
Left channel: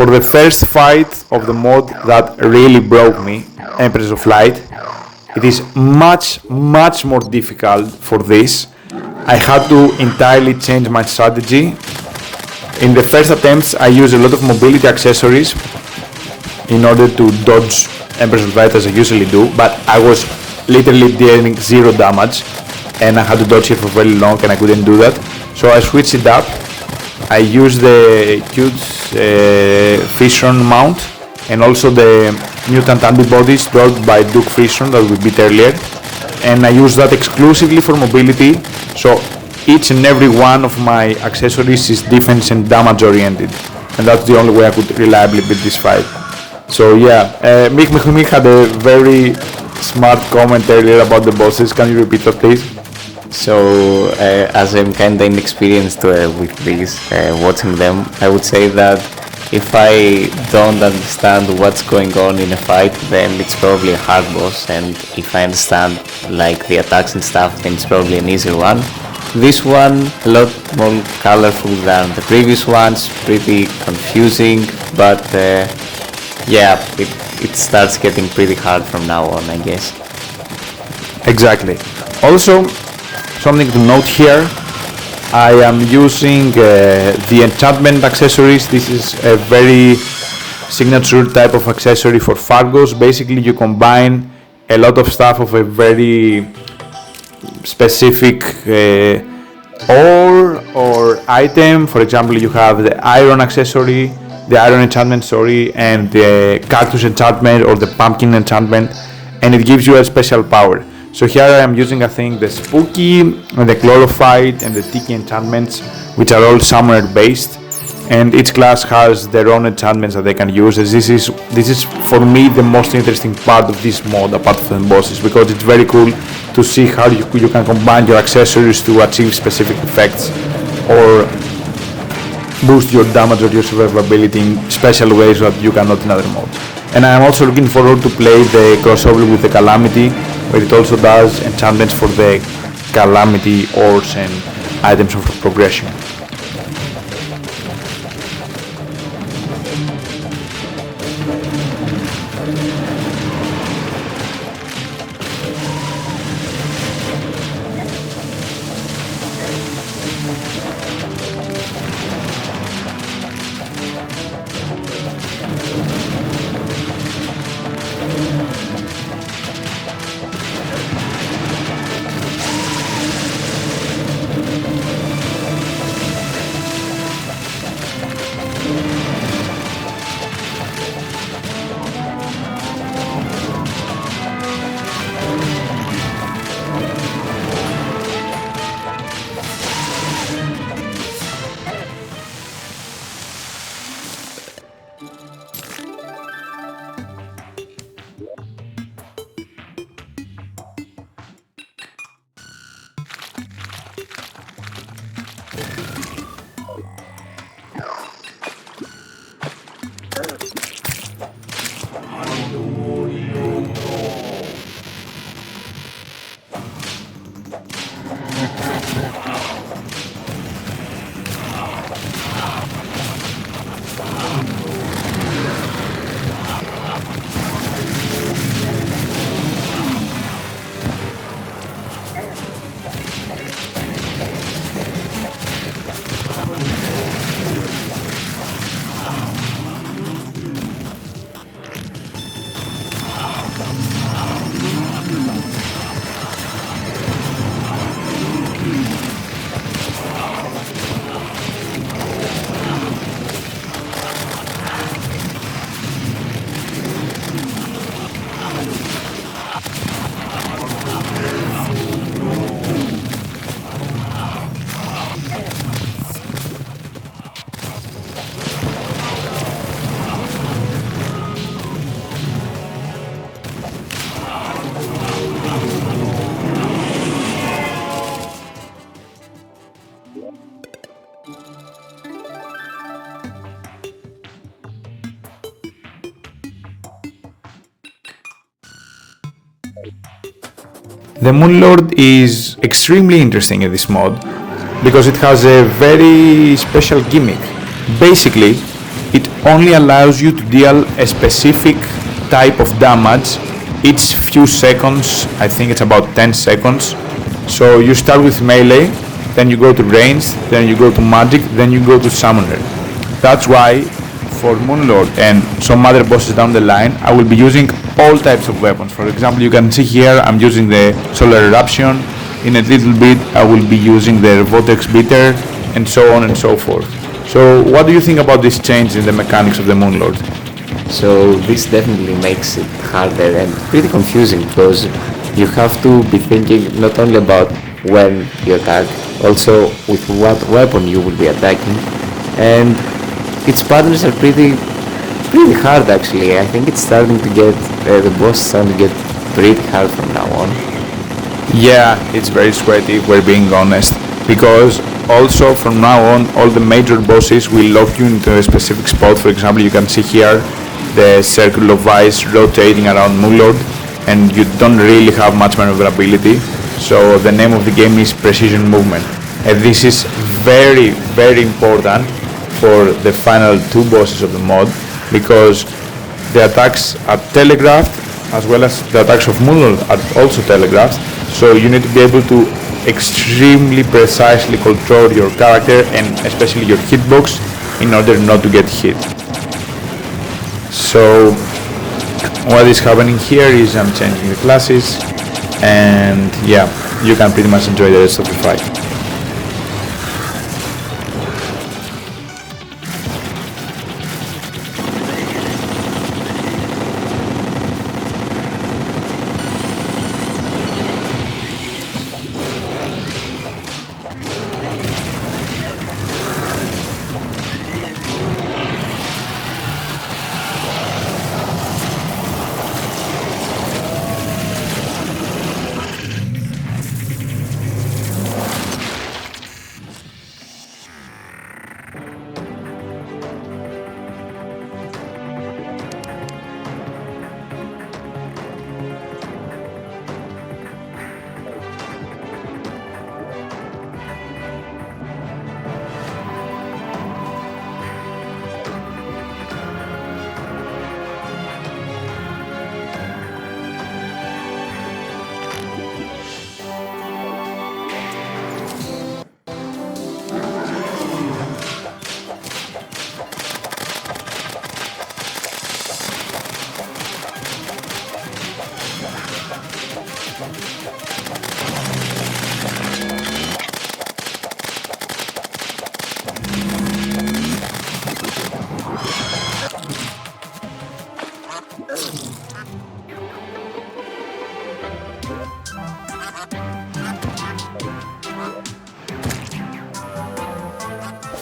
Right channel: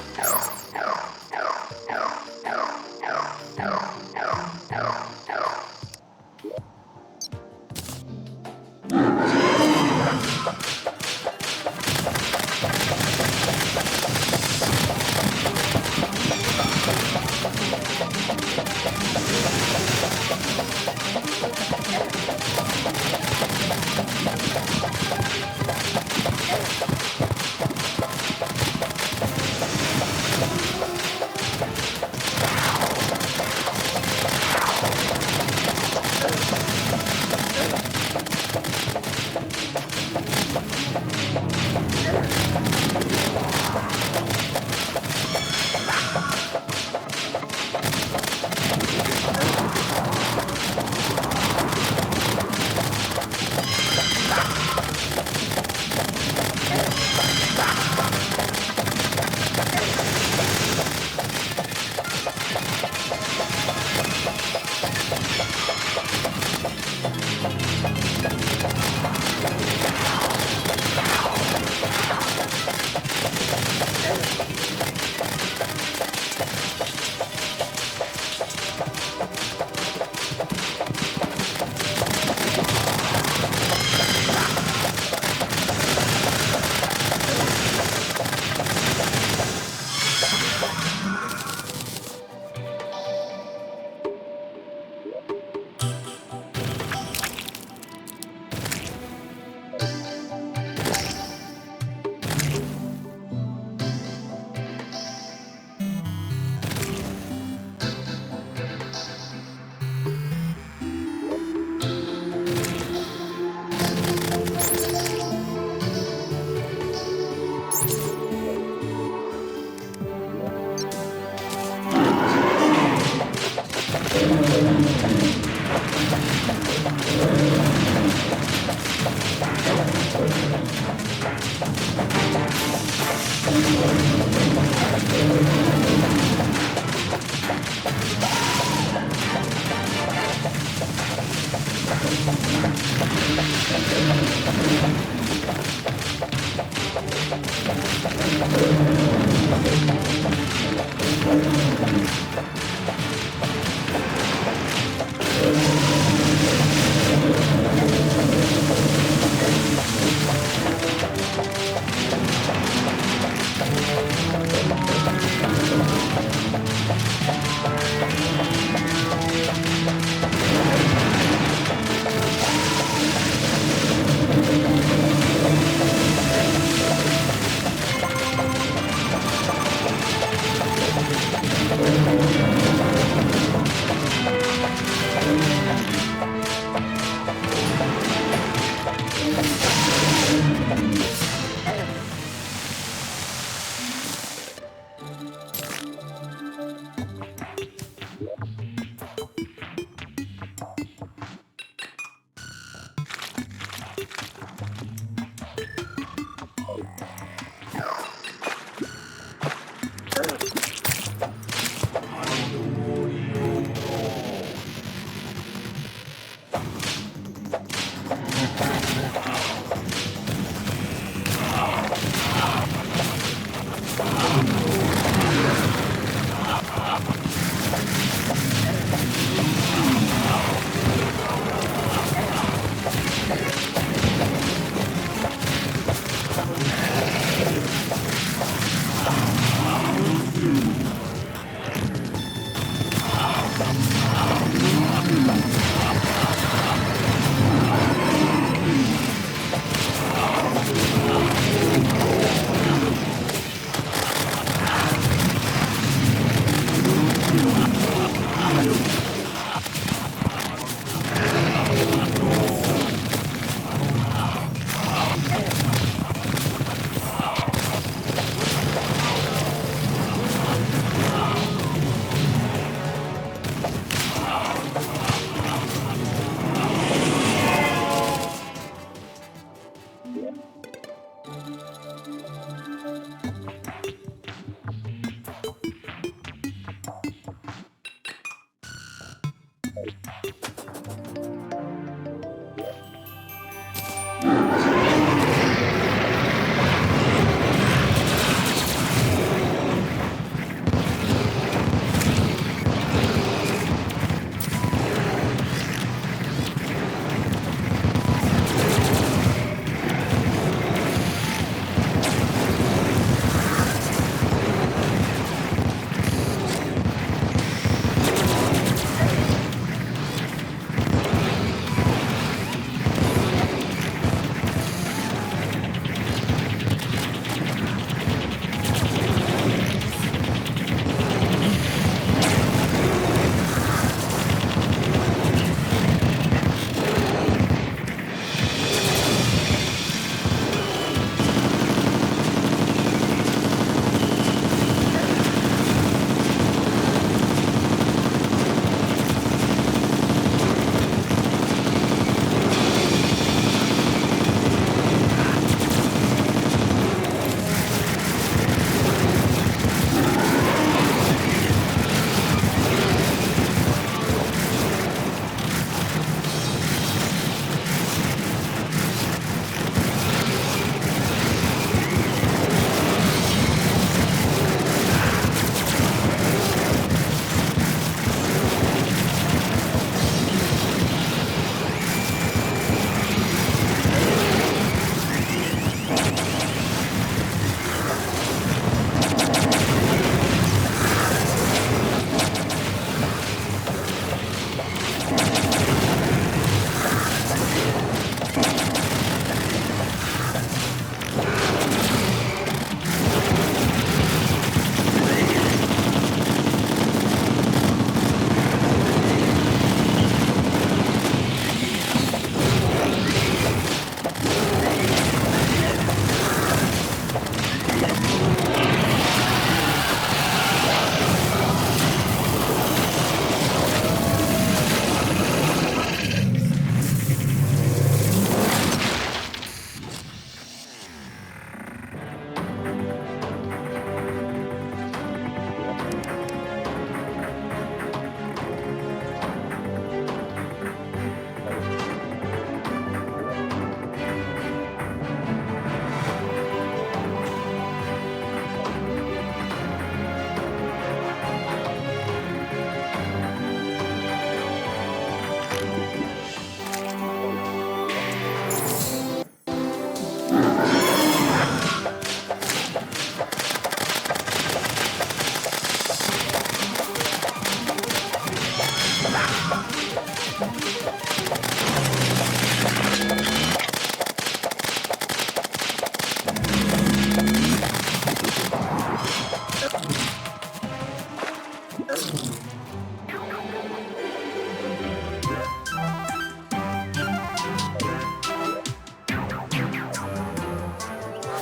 For the first fight of the mod that really broke me, Empress of Light, it is much more difficult for this. I had to entirely change my strategy. In the first attempts I used a lot of mobility accessories in order to dodge Empress of Light as I usually do, but I was literally dealing 0 damage and I had to dodge it for very long and I couldn't do that. So I switched it up. I used the huge Fission mount and also the mutant antibodies brought by Duke Fission that we beat earlier, and I use that exclusively for mobility, so each and every one of my accessories is defense and damage oriented, and that's the only way I could reliably beat this fight. So yeah, Mick had a very smart comment earlier about the bosses. Can you repeat that, please? So, as I'm kinda inexperienced with these, watching them, I would say that if I don't understand what's going on in a fight, then it's probably a hard boss, and if I understand like the attacks and stuff, then it's probably an easier one. This one, a lot more colorful than the previous ones, pretty confusing, but yeah, it starts getting pretty hard from now on, I guess. Exactly. Also, something to note here, I am using the enchantment accessories. This is a very signature type of accessory for Fargos. Basically, you combine a lot of stuff of a very specific ore or item. For example, you have the iron accessory, the iron enchantment, sorry, and the cactus enchantment or the pumpkin enchantment, and it gives you a special power. So here I am using, I think, the spooky, and the chlorophyte, and the tiki enchantments, which are all summoner based, and each class has their own enchantments that they can use. This is for me the most interesting part of this mod, apart from the bosses, because it's very cool to see how you can combine your accessories to achieve specific effects or boost your damage or your survivability in special ways that you cannot in other mods. And I am also looking forward to play the crossover with the Calamity, where it also does enchantments for the Calamity ores and items of progression. The Moonlord is extremely interesting in this mod because it has a very special gimmick. Basically, it only allows you to deal a specific type of damage each few seconds. I think it's about 10 seconds. So you start with melee, then you go to ranged, then you go to magic, then you go to summoner. That's why for Moonlord and some other bosses down the line, I will be using all types of weapons. For example, you can see here I'm using the Solar Eruption. In a little bit I will be using the Vortex Beater, and so on and so forth. So what do you think about this change in the mechanics of the Moonlord? So this definitely makes it harder and pretty confusing, because you have to be thinking not only about when you attack, also with what weapon you will be attacking, and its patterns are pretty hard actually. I think it's starting to get, the boss is starting to get pretty hard from now on. Yeah, it's very sweaty, if we're being honest, because also from now on all the major bosses will lock you into a specific spot. For example, you can see here the circle of ice rotating around Moonlord, and you don't really have much maneuverability. So the name of the game is precision movement, and this is very important for the final two bosses of the mod, because the attacks are telegraphed as well as the attacks of Moonlord are also telegraphed. So you need to be able to extremely precisely control your character and especially your hitbox in order not to get hit. So what is happening here is I'm changing the classes, and yeah, you can pretty much enjoy the rest of the fight.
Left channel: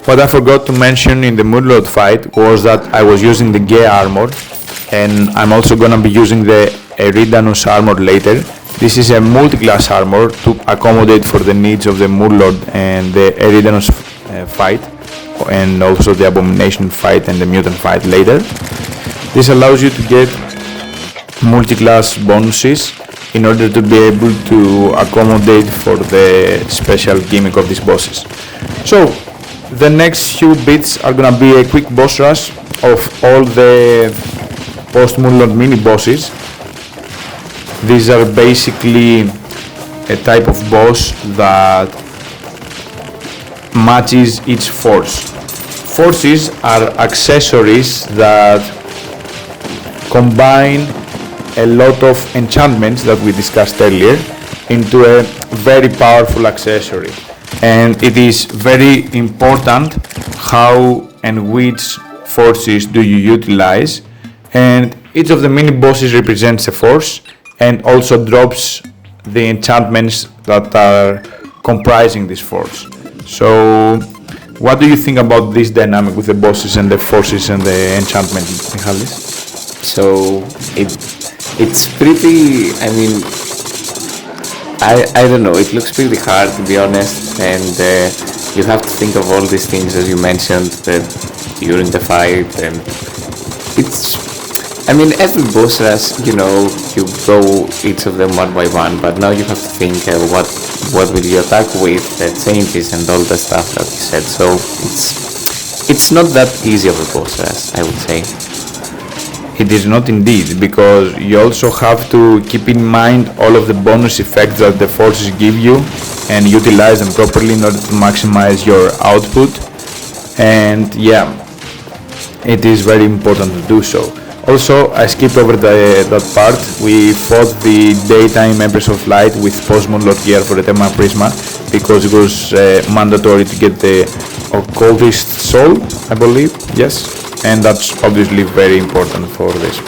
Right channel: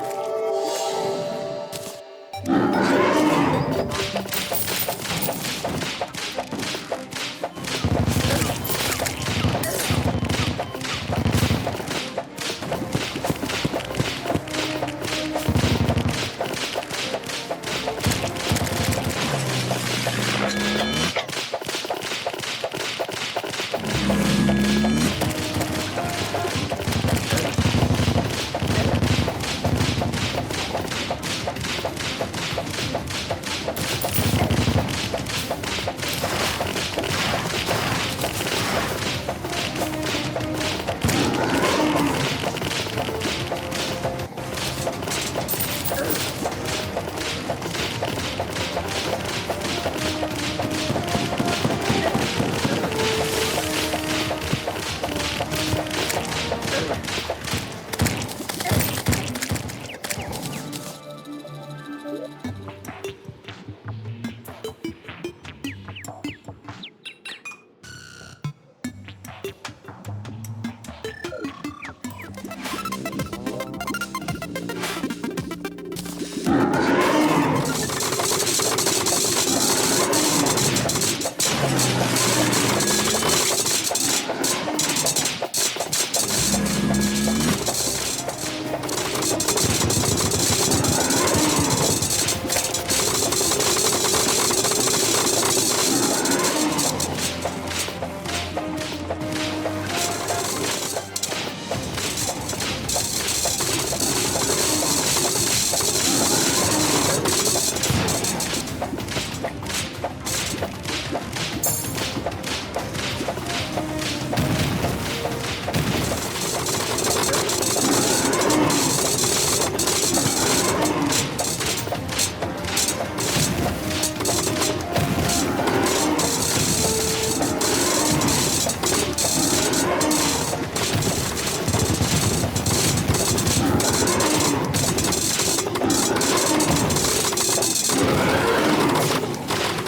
What I forgot to mention in the Moonlord fight was that I was using the Gea armor, and I'm also gonna be using the Eridanus armor later. This is a multi-class armor to accommodate for the needs of the Moonlord and the Eridanus fight, and also the Abomination fight and the Mutant fight later. This allows you to get multi-class bonuses in order to be able to accommodate for the special gimmick of these bosses. So the next few bits are gonna be a quick boss rush of all the post-Moonlord mini-bosses. These are basically a type of boss that matches each force. Forces are accessories that combine a lot of enchantments that we discussed earlier into a very powerful accessory. And it is very important how and which forces do you utilize, and each of the mini bosses represents a force and also drops the enchantments that are comprising this force. So what do you think about this dynamic with the bosses and the forces and the enchantments, Michalis? So it's pretty, I mean, I don't know, it looks pretty hard to be honest, and you have to think of all these things as you mentioned during the fight, and it's, I mean, every boss rush, you know, you go each of them one by one, but now you have to think what will you attack with, the changes and all the stuff that you said, so it's not that easy of a boss rush, I would say. It is not indeed, because you also have to keep in mind all of the bonus effects that the forces give you and utilize them properly in order to maximize your output. And yeah, it is very important to do so. Also, I skipped over that part. We fought the daytime Empress of Light with post-Moonlord gear for the Tema Prisma because it was mandatory to get the Occultist Soul, I believe, yes. And that's obviously very important for this.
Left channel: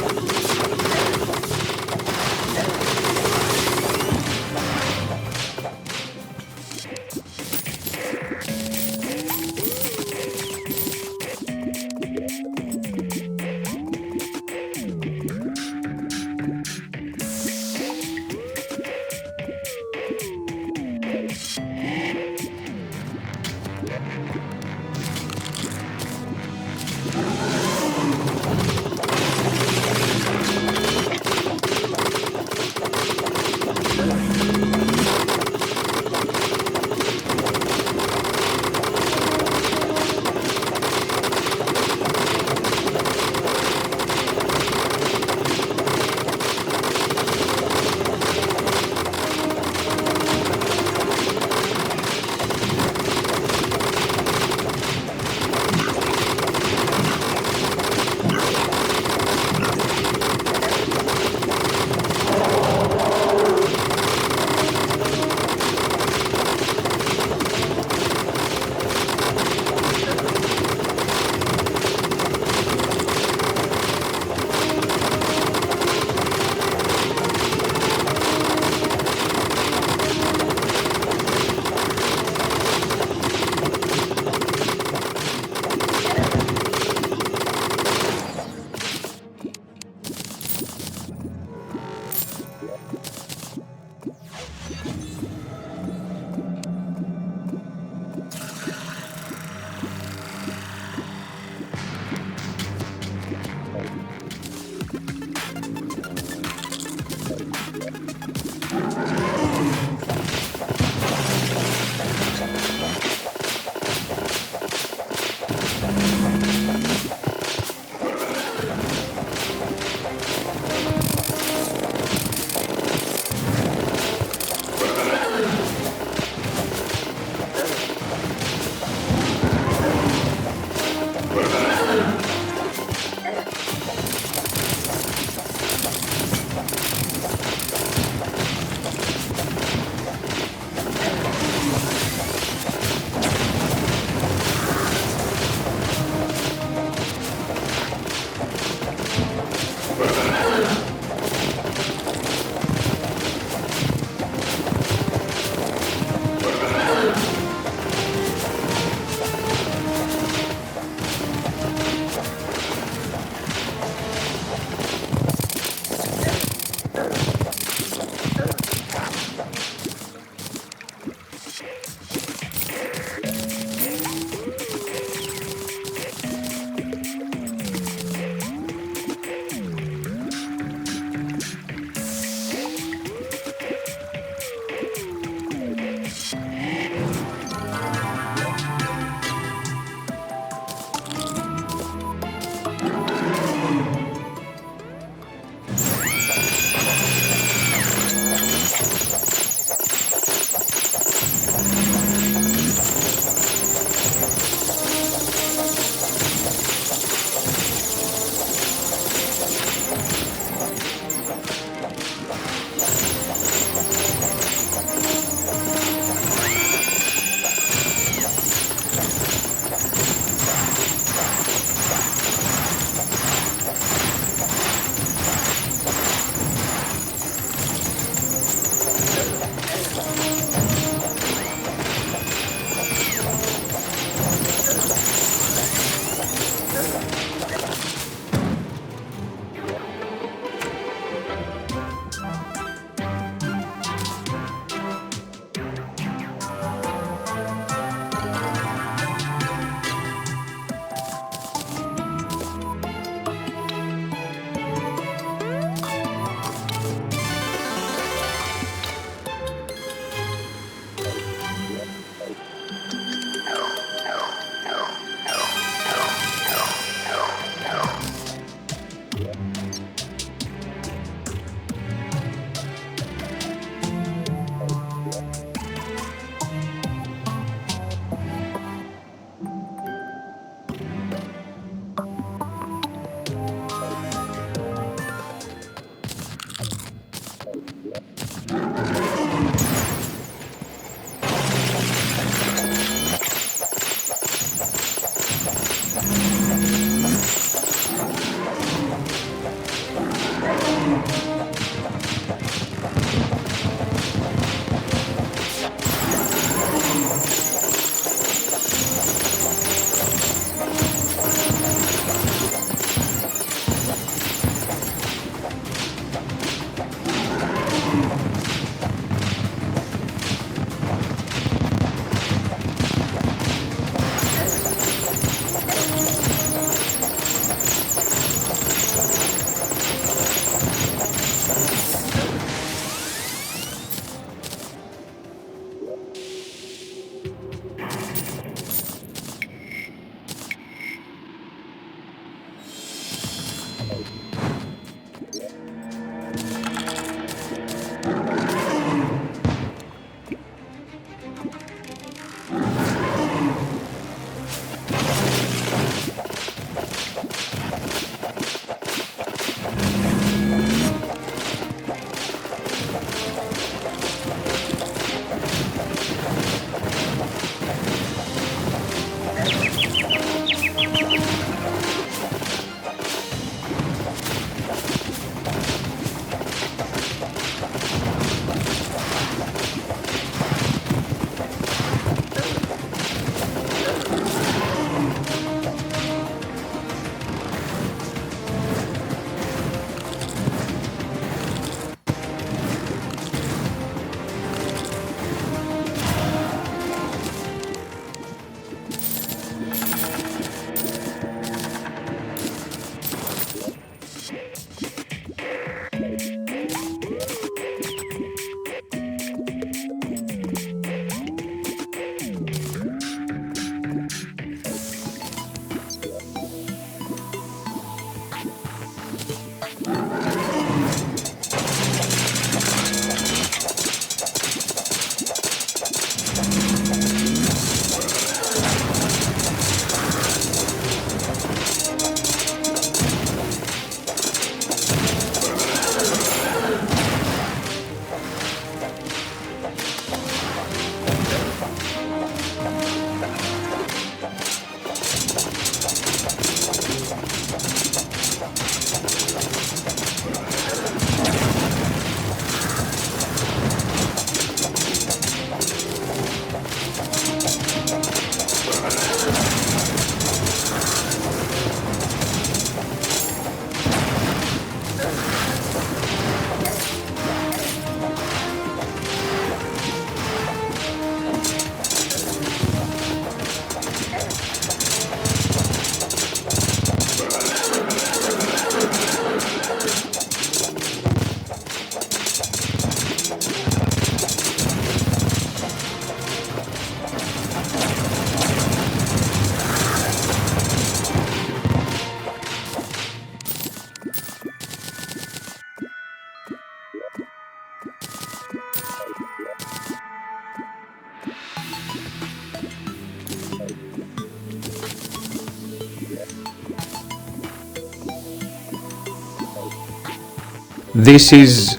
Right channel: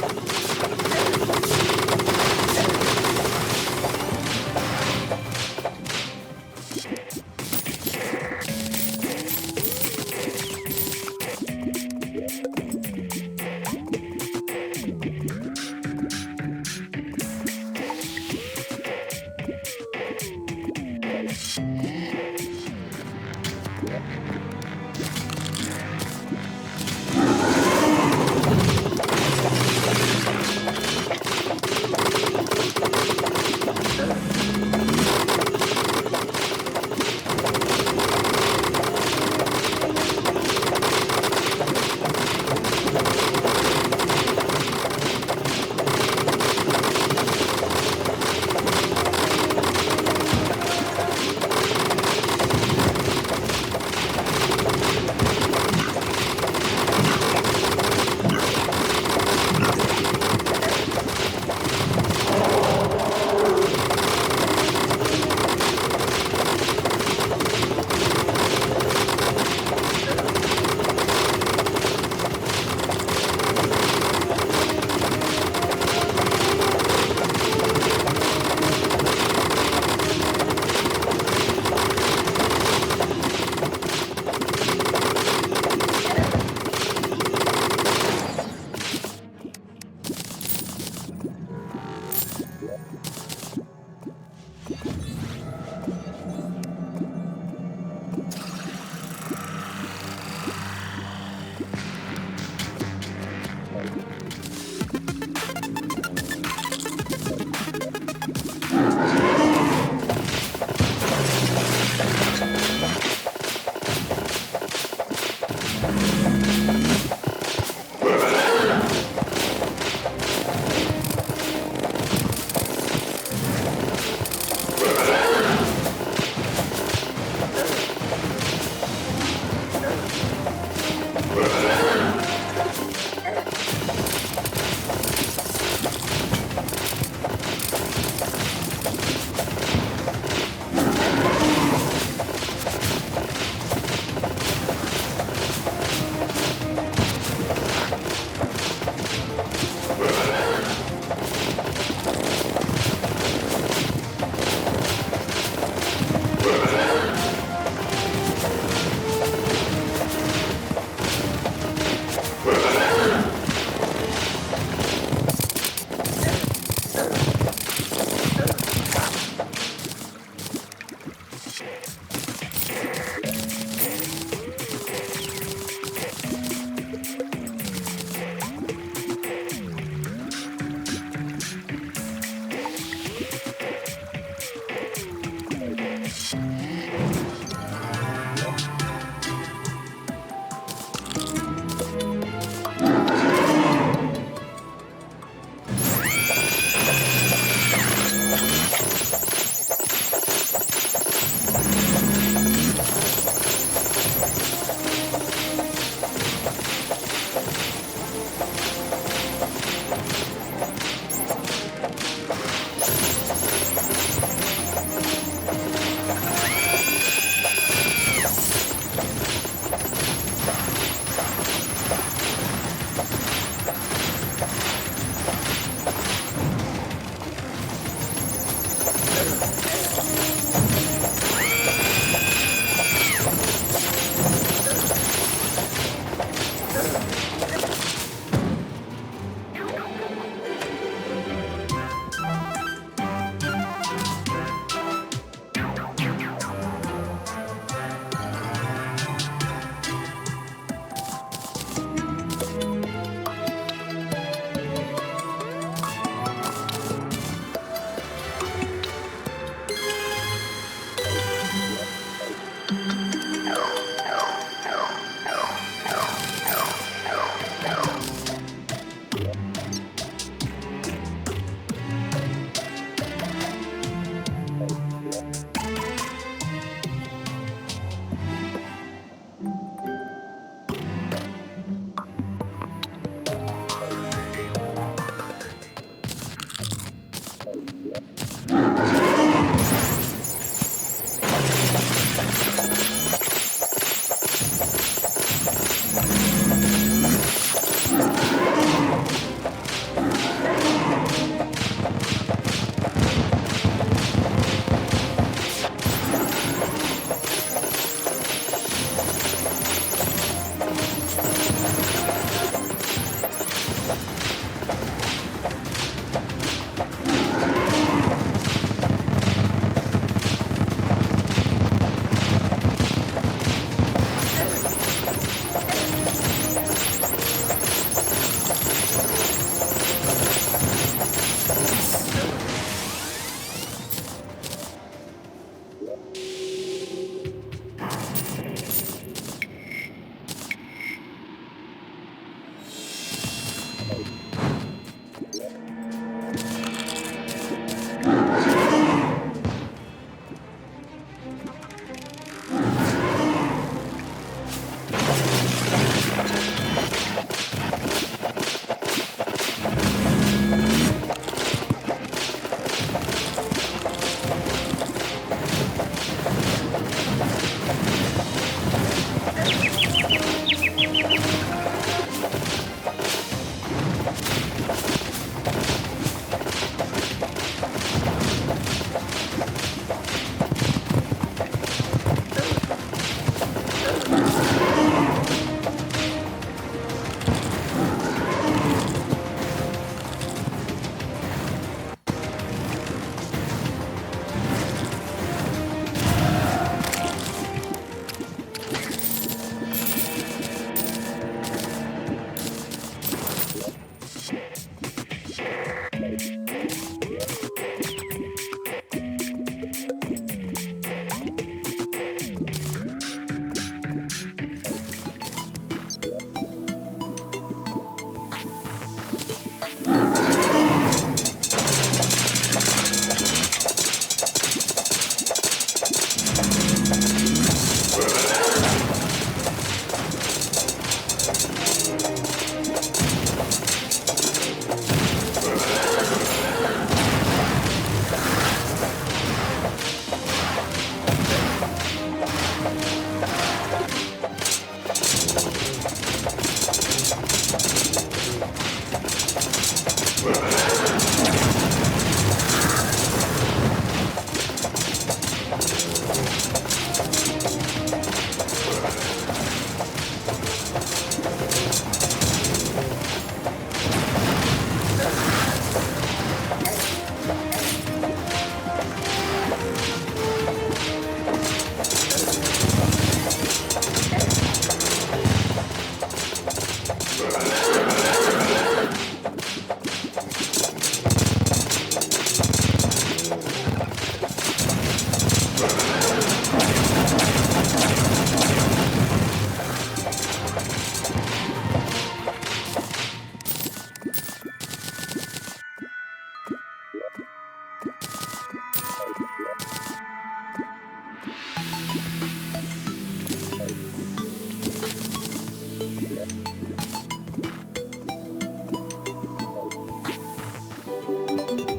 This is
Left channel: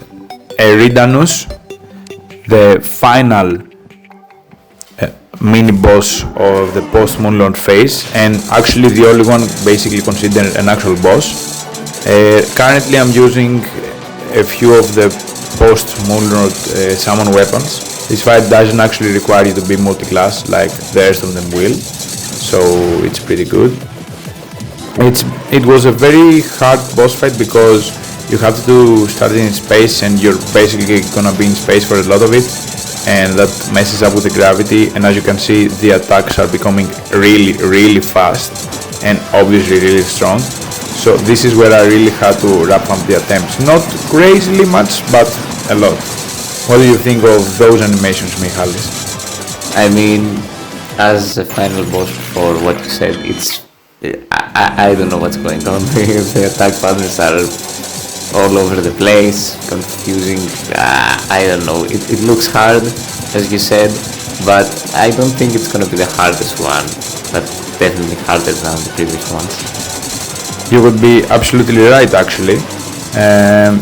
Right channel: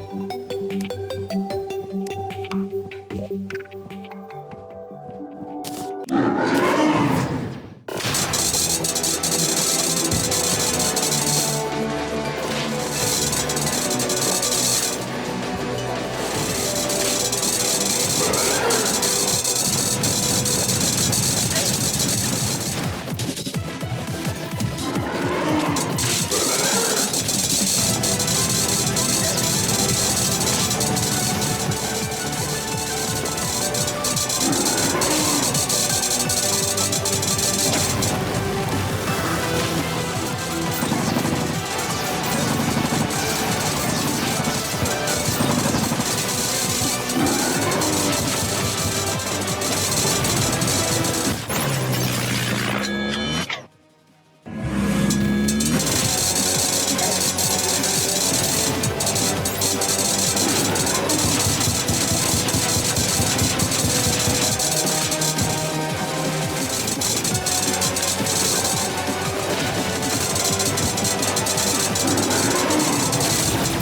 Eridanus, the final mini boss or the post Moonlord phase, and actually the only one basically considered an actual boss. Currently I'm using a few of the post Moonlord summon weapons. This fight doesn't actually require you to be multi-class like the rest of them will, so it's pretty good. It was a very hard boss fight because you have to start in space and you're basically gonna be in space for a lot of it, and that messes up with the gravity, and as you can see the attacks are becoming really fast and obviously really strong. So this is where I really had to wrap up the attempts. Not crazily much, but a lot. What do you think of those animations, Michal? I mean, as a final boss for what you said, I don't know what's going on. The attack patterns are all over the place, confusing. I don't know. It looks hard, as you said, but I don't think it's gonna be the hardest one. But definitely harder than the previous one. You would be absolutely right, actually,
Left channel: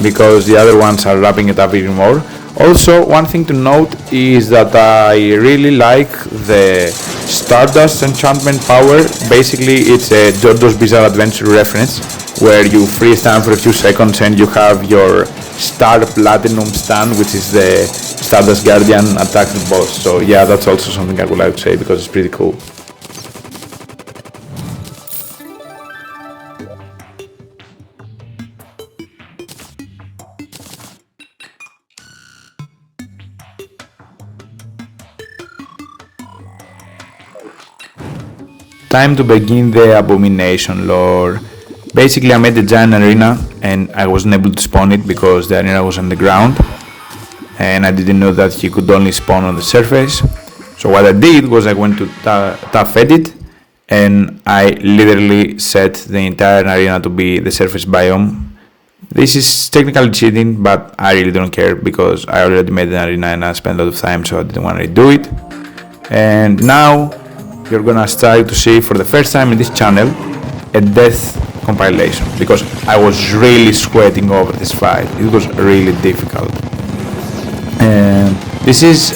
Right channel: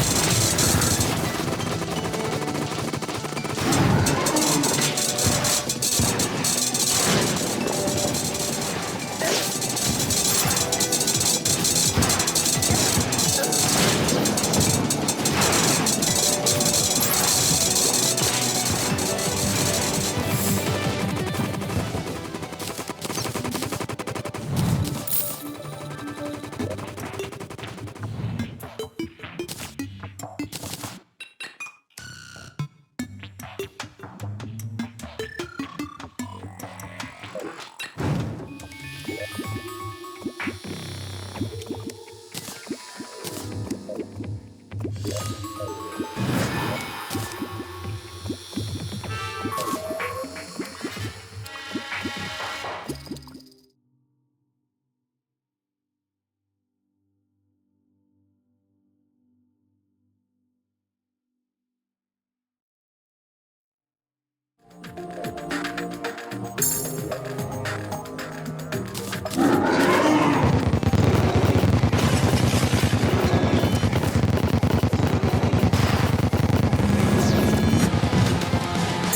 because the other ones are wrapping it up even more. Also, one thing to note is that I really like the Stardust enchantment power. Basically, it's a JoJo's Bizarre Adventure reference, where you freeze time for a few seconds and you have your Star Platinum stand, which is the Stardust Guardian attack the boss. So yeah, that's also something I would like to say because it's pretty cool. Time to begin the abomination lore. Basically I made a giant arena and I wasn't able to spawn it because the arena was on the ground and I didn't know that he could only spawn on the surface. So what I did was I went to tough edit and I literally set the entire arena to be the surface biome. This is technically cheating, but I really don't care because I already made an arena and I spent a lot of time, so I didn't want to redo it. And now you're gonna start to see for the first time in this channel a death compilation because I was really sweating over this fight. It was really difficult. And this is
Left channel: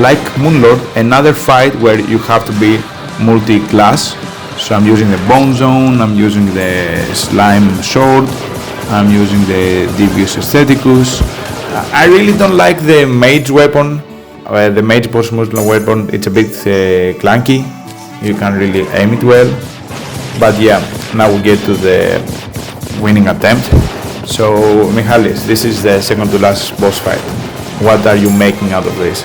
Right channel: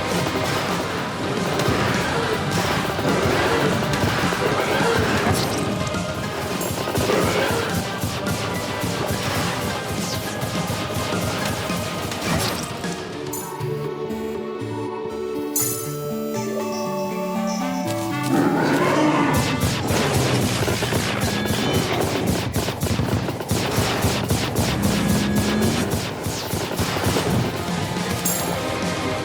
like Moonlord, another fight where you have to be multi-class. So I'm using the Bone Zone, I'm using the Slime Sword, I'm using the Devious Aestheticus. I really don't like the Mage weapon. The Mage post Muslim weapon, it's a bit clunky. You can't really aim it well. But yeah, now we get to the winning attempt. So Michalis, this is the second to last boss fight. What are you making out of this?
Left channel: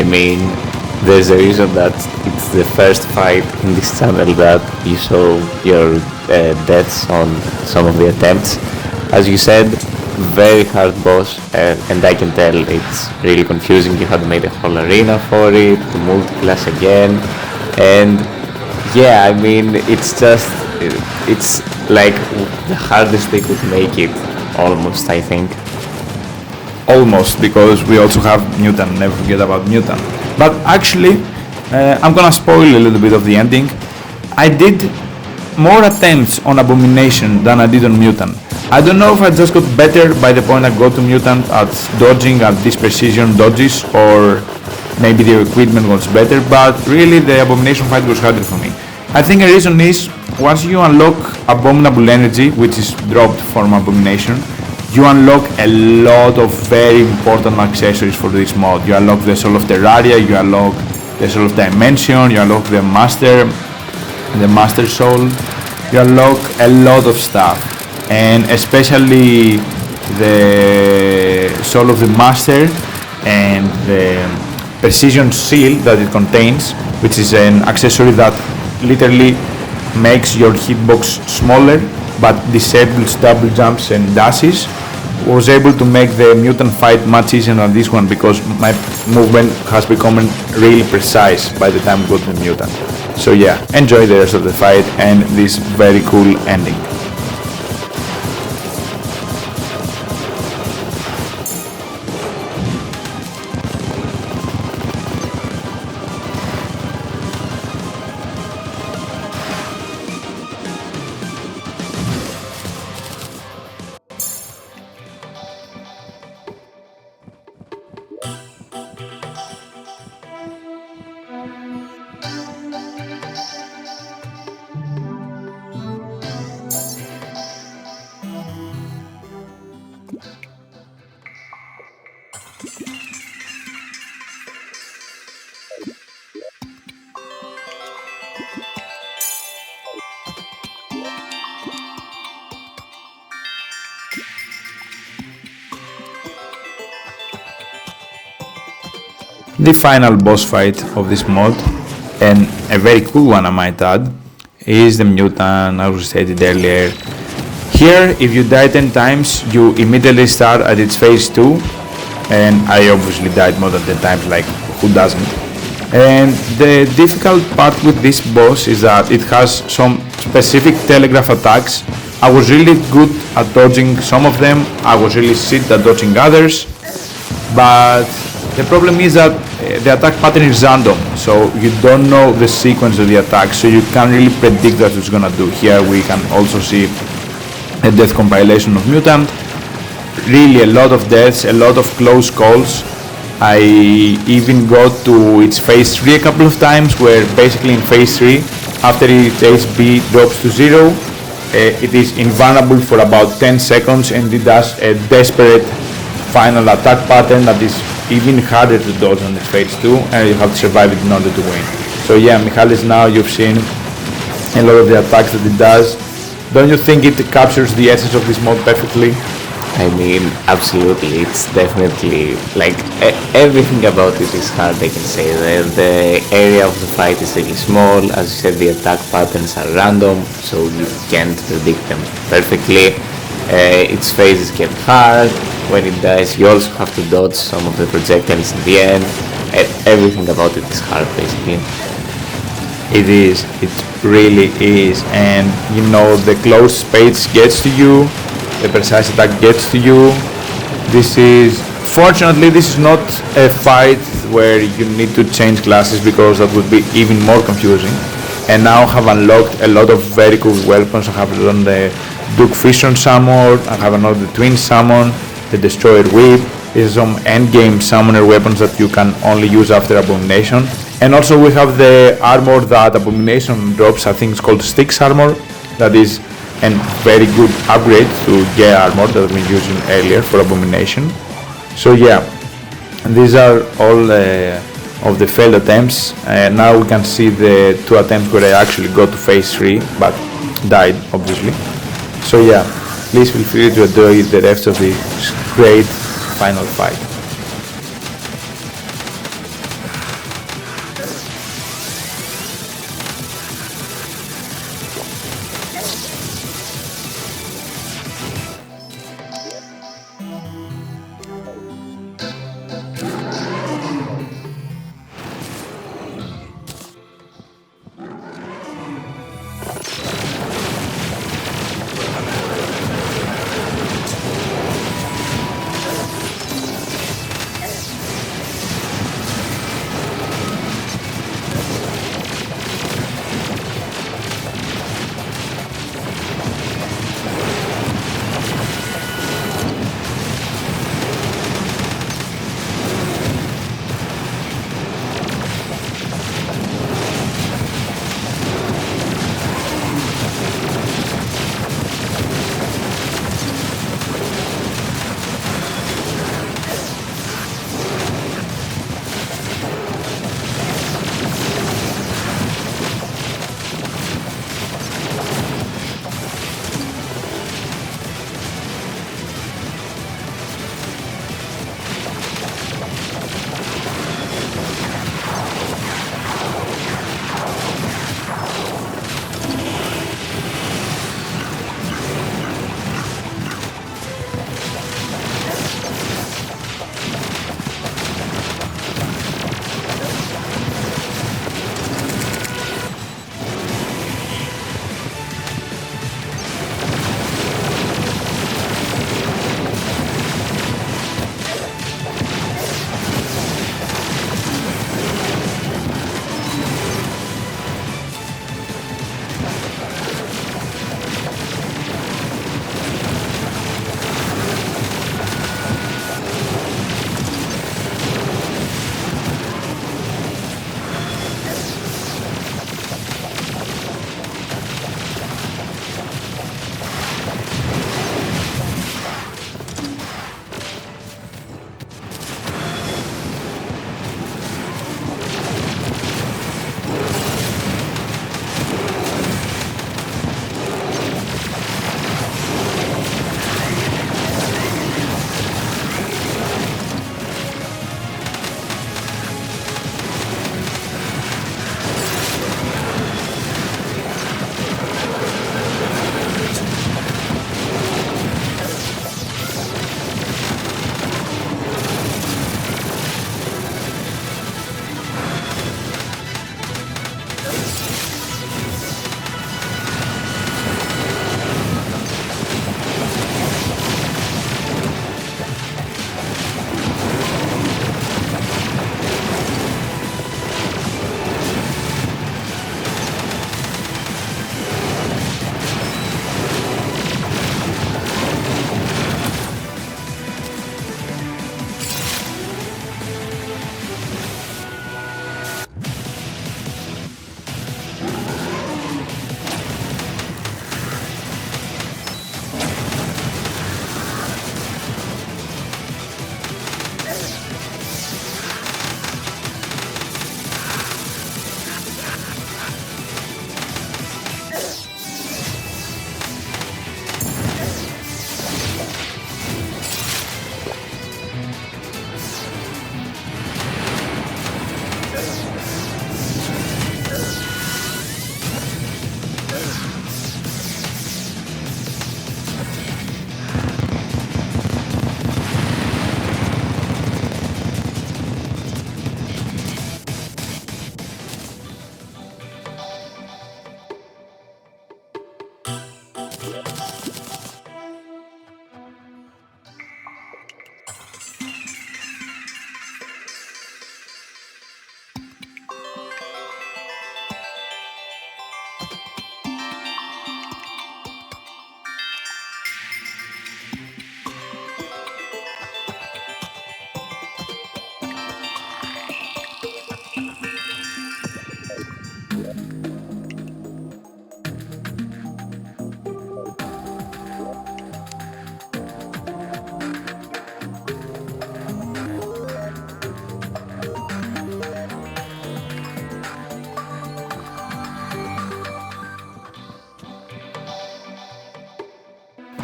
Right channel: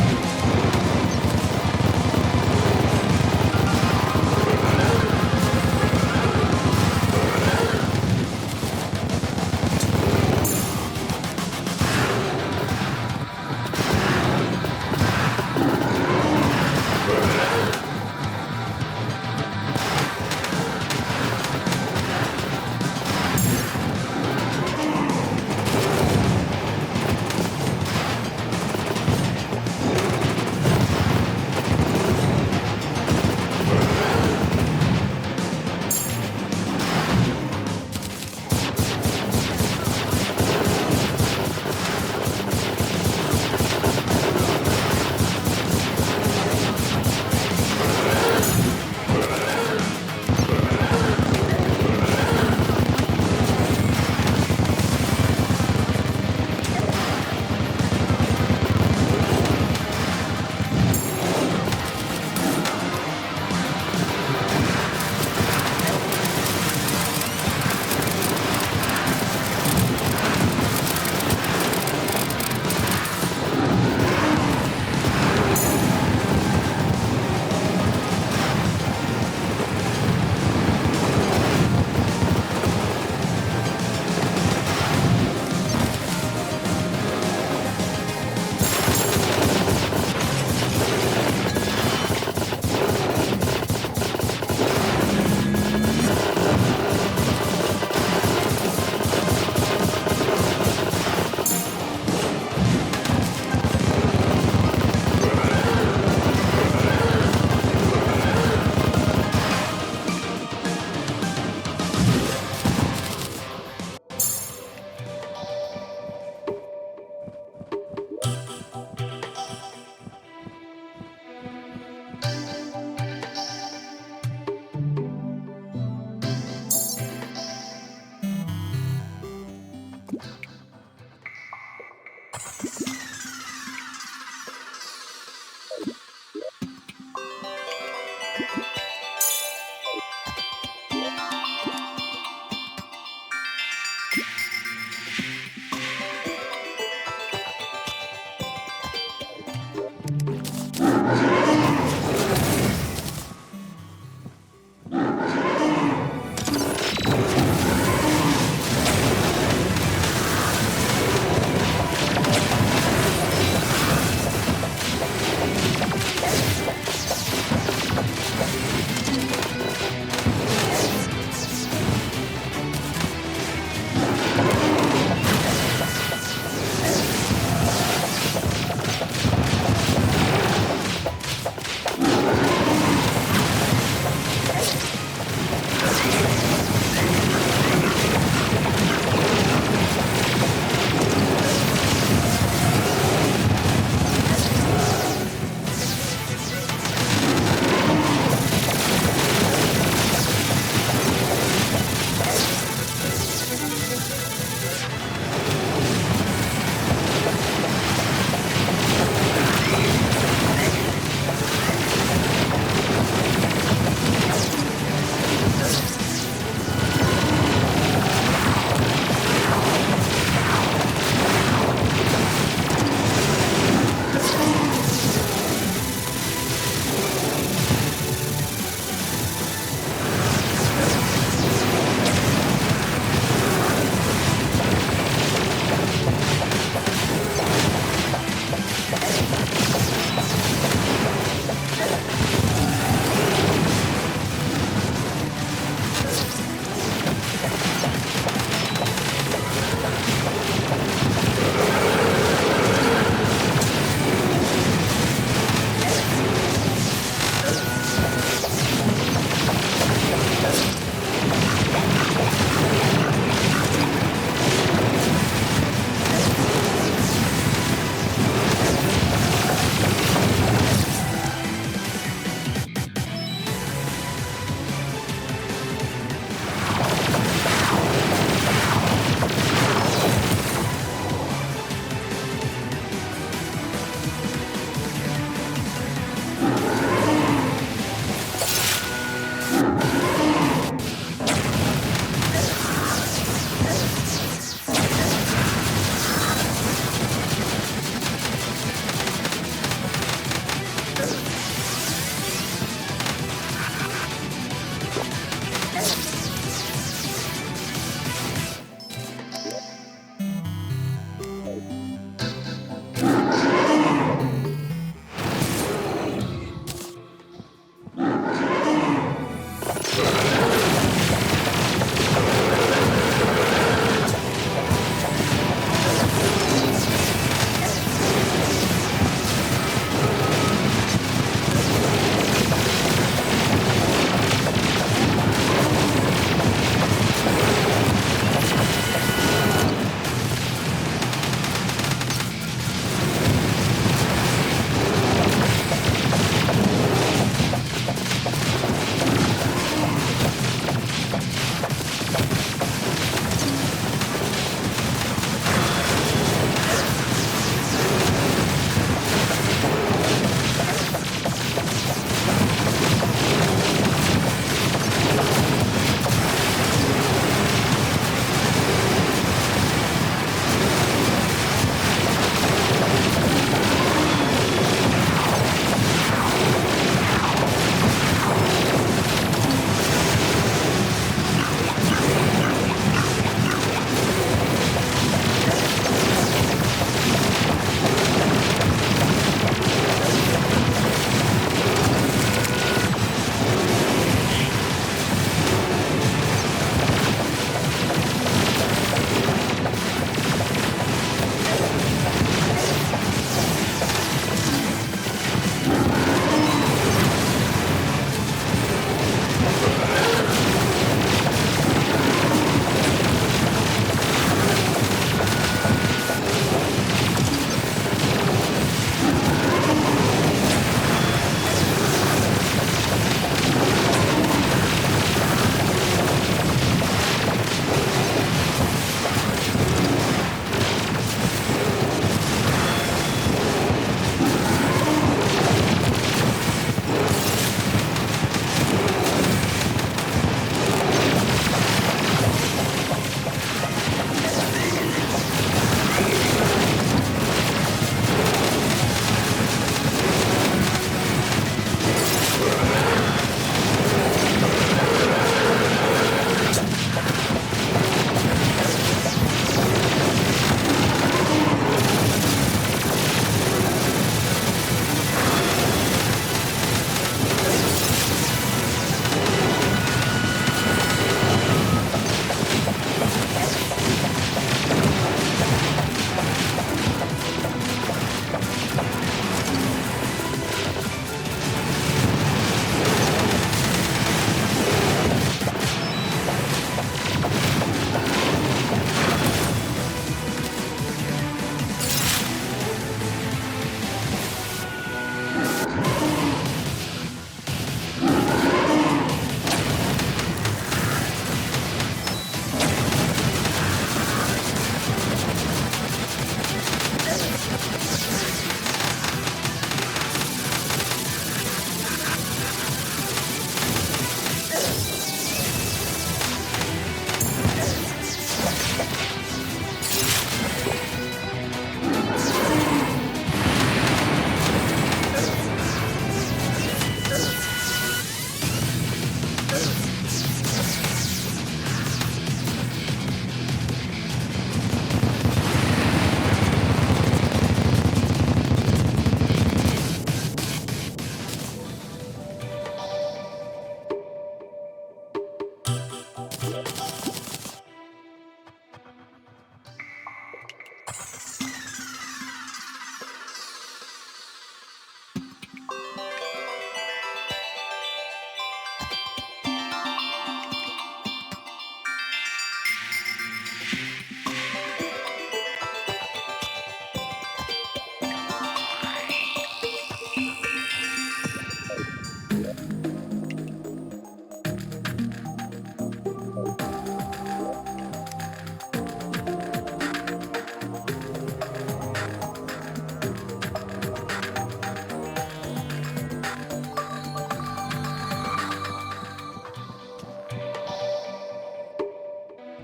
I mean, there's a reason that it's the first fight in this channel that you show your deaths on some of the attempts. As you said, very hard boss, and I can tell it's really confusing. You have to make a whole arena for it, multi-class again, and yeah, I mean, it's like the hardest they could make it, almost, I think. Almost, because we also have Mutant, never forget about Mutant. But actually, I'm gonna spoil a little bit of the ending. I did more attempts on Abomination than I did on Mutant. I don't know if I just got better by the point I got to Mutant at dodging at this precision dodges, or maybe the equipment was better, but really the Abomination fight was harder for me. I think the reason is, once you unlock Abominable Energy, which is dropped from Abomination, you unlock a lot of very important accessories for this mod. You unlock the Soul of Terraria, you unlock the Soul of Dimension, you unlock the Master Soul, you unlock a lot of stuff. And especially the Soul of the Master and the Precision Seal that it contains, which is an accessory that literally makes your hitbox smaller but disables double jumps and dashes, was able to make the Mutant fight much easier than this one because my movement has become really precise by the time we go to Mutant. So yeah, enjoy the rest of the fight and this very cool ending. The final boss fight of this mod, and a very cool one I might add, is the mutant, as we stated earlier. Here, if you die 10 times, you immediately start at its phase 2, and I obviously died more than 10 times, like who doesn't? And the difficult part with this boss is that it has some specific telegraph attacks. I was really good at dodging some of them, I was really shit at dodging others, but the problem is that the attack pattern is random, so you don't know the sequence of the attack, so you can't really predict what it's gonna do. Here we can also see a death compilation of mutant. Really a lot of deaths, a lot of close calls. I even got to its phase 3 a couple of times, where basically in phase 3, after its HP drops to 0, it is invulnerable for about 10 seconds and it does a desperate final attack pattern that is even harder to dodge in phase 2, and you have to survive it in order to win. So yeah, Michalis, now you've seen a lot of the attacks that it does. Don't you think it captures the essence of this mod perfectly? I mean, absolutely, it's definitely, like, everything about it is hard, I can say. The area of the fight is really small, as you said, the attack patterns are random, so you can't predict them perfectly. Its phases can be hard. When it dies, you also have to dodge some of the projectiles at the end. Everything about it is hard, basically. It is, it really is, and you know, the close space gets to you, the precise attack gets to you. Fortunately, this is not a fight where you need to change classes, because that would be even more confusing. And now I have unlocked a lot of very cool weapons. I have done the Duke Fission Summon, I have unlocked the Twin Summon, the Destroyer Whip. There's some endgame summoner weapons that you can only use after Abomination. And also we have the armor that Abomination drops, I think it's called Styx Armor. That is a very good upgrade to Gear Armor that we used earlier for Abomination. So yeah, these are all of the failed attempts, and now we can see the 2 attempts where I actually got to phase 3, but died obviously. So yeah, please feel free to enjoy the rest of this great final fight.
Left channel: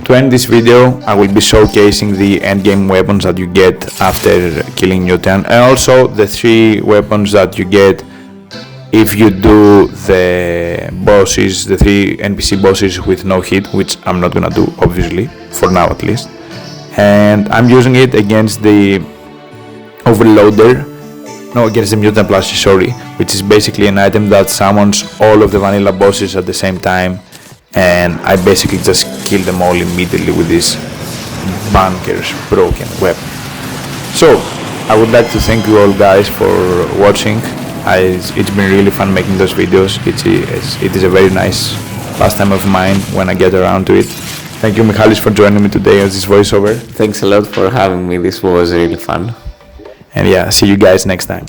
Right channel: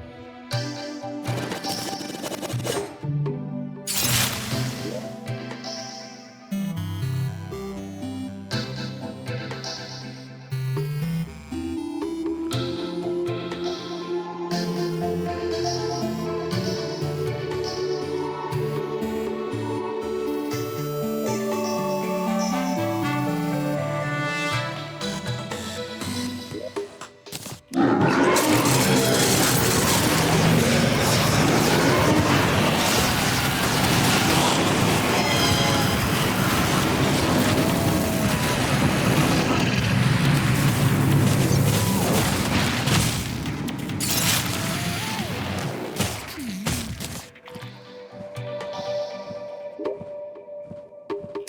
To end this video, I will be showcasing the endgame weapons that you get after killing Newton, and also the 3 weapons that you get if you do the bosses, the 3 NPC bosses with no hit, which I'm not gonna do, obviously, for now at least. And I'm using it against the against the mutant plushie, sorry, which is basically an item that summons all of the vanilla bosses at the same time, and I basically just kill them all immediately with this bunker's broken weapon. So I would like to thank you all guys for watching. It's been really fun making those videos. It is a very nice pastime of mine when I get around to it. Thank you, Michalis, for joining me today as this voiceover. Thanks a lot for having me. This was really fun. And yeah, see you guys next time.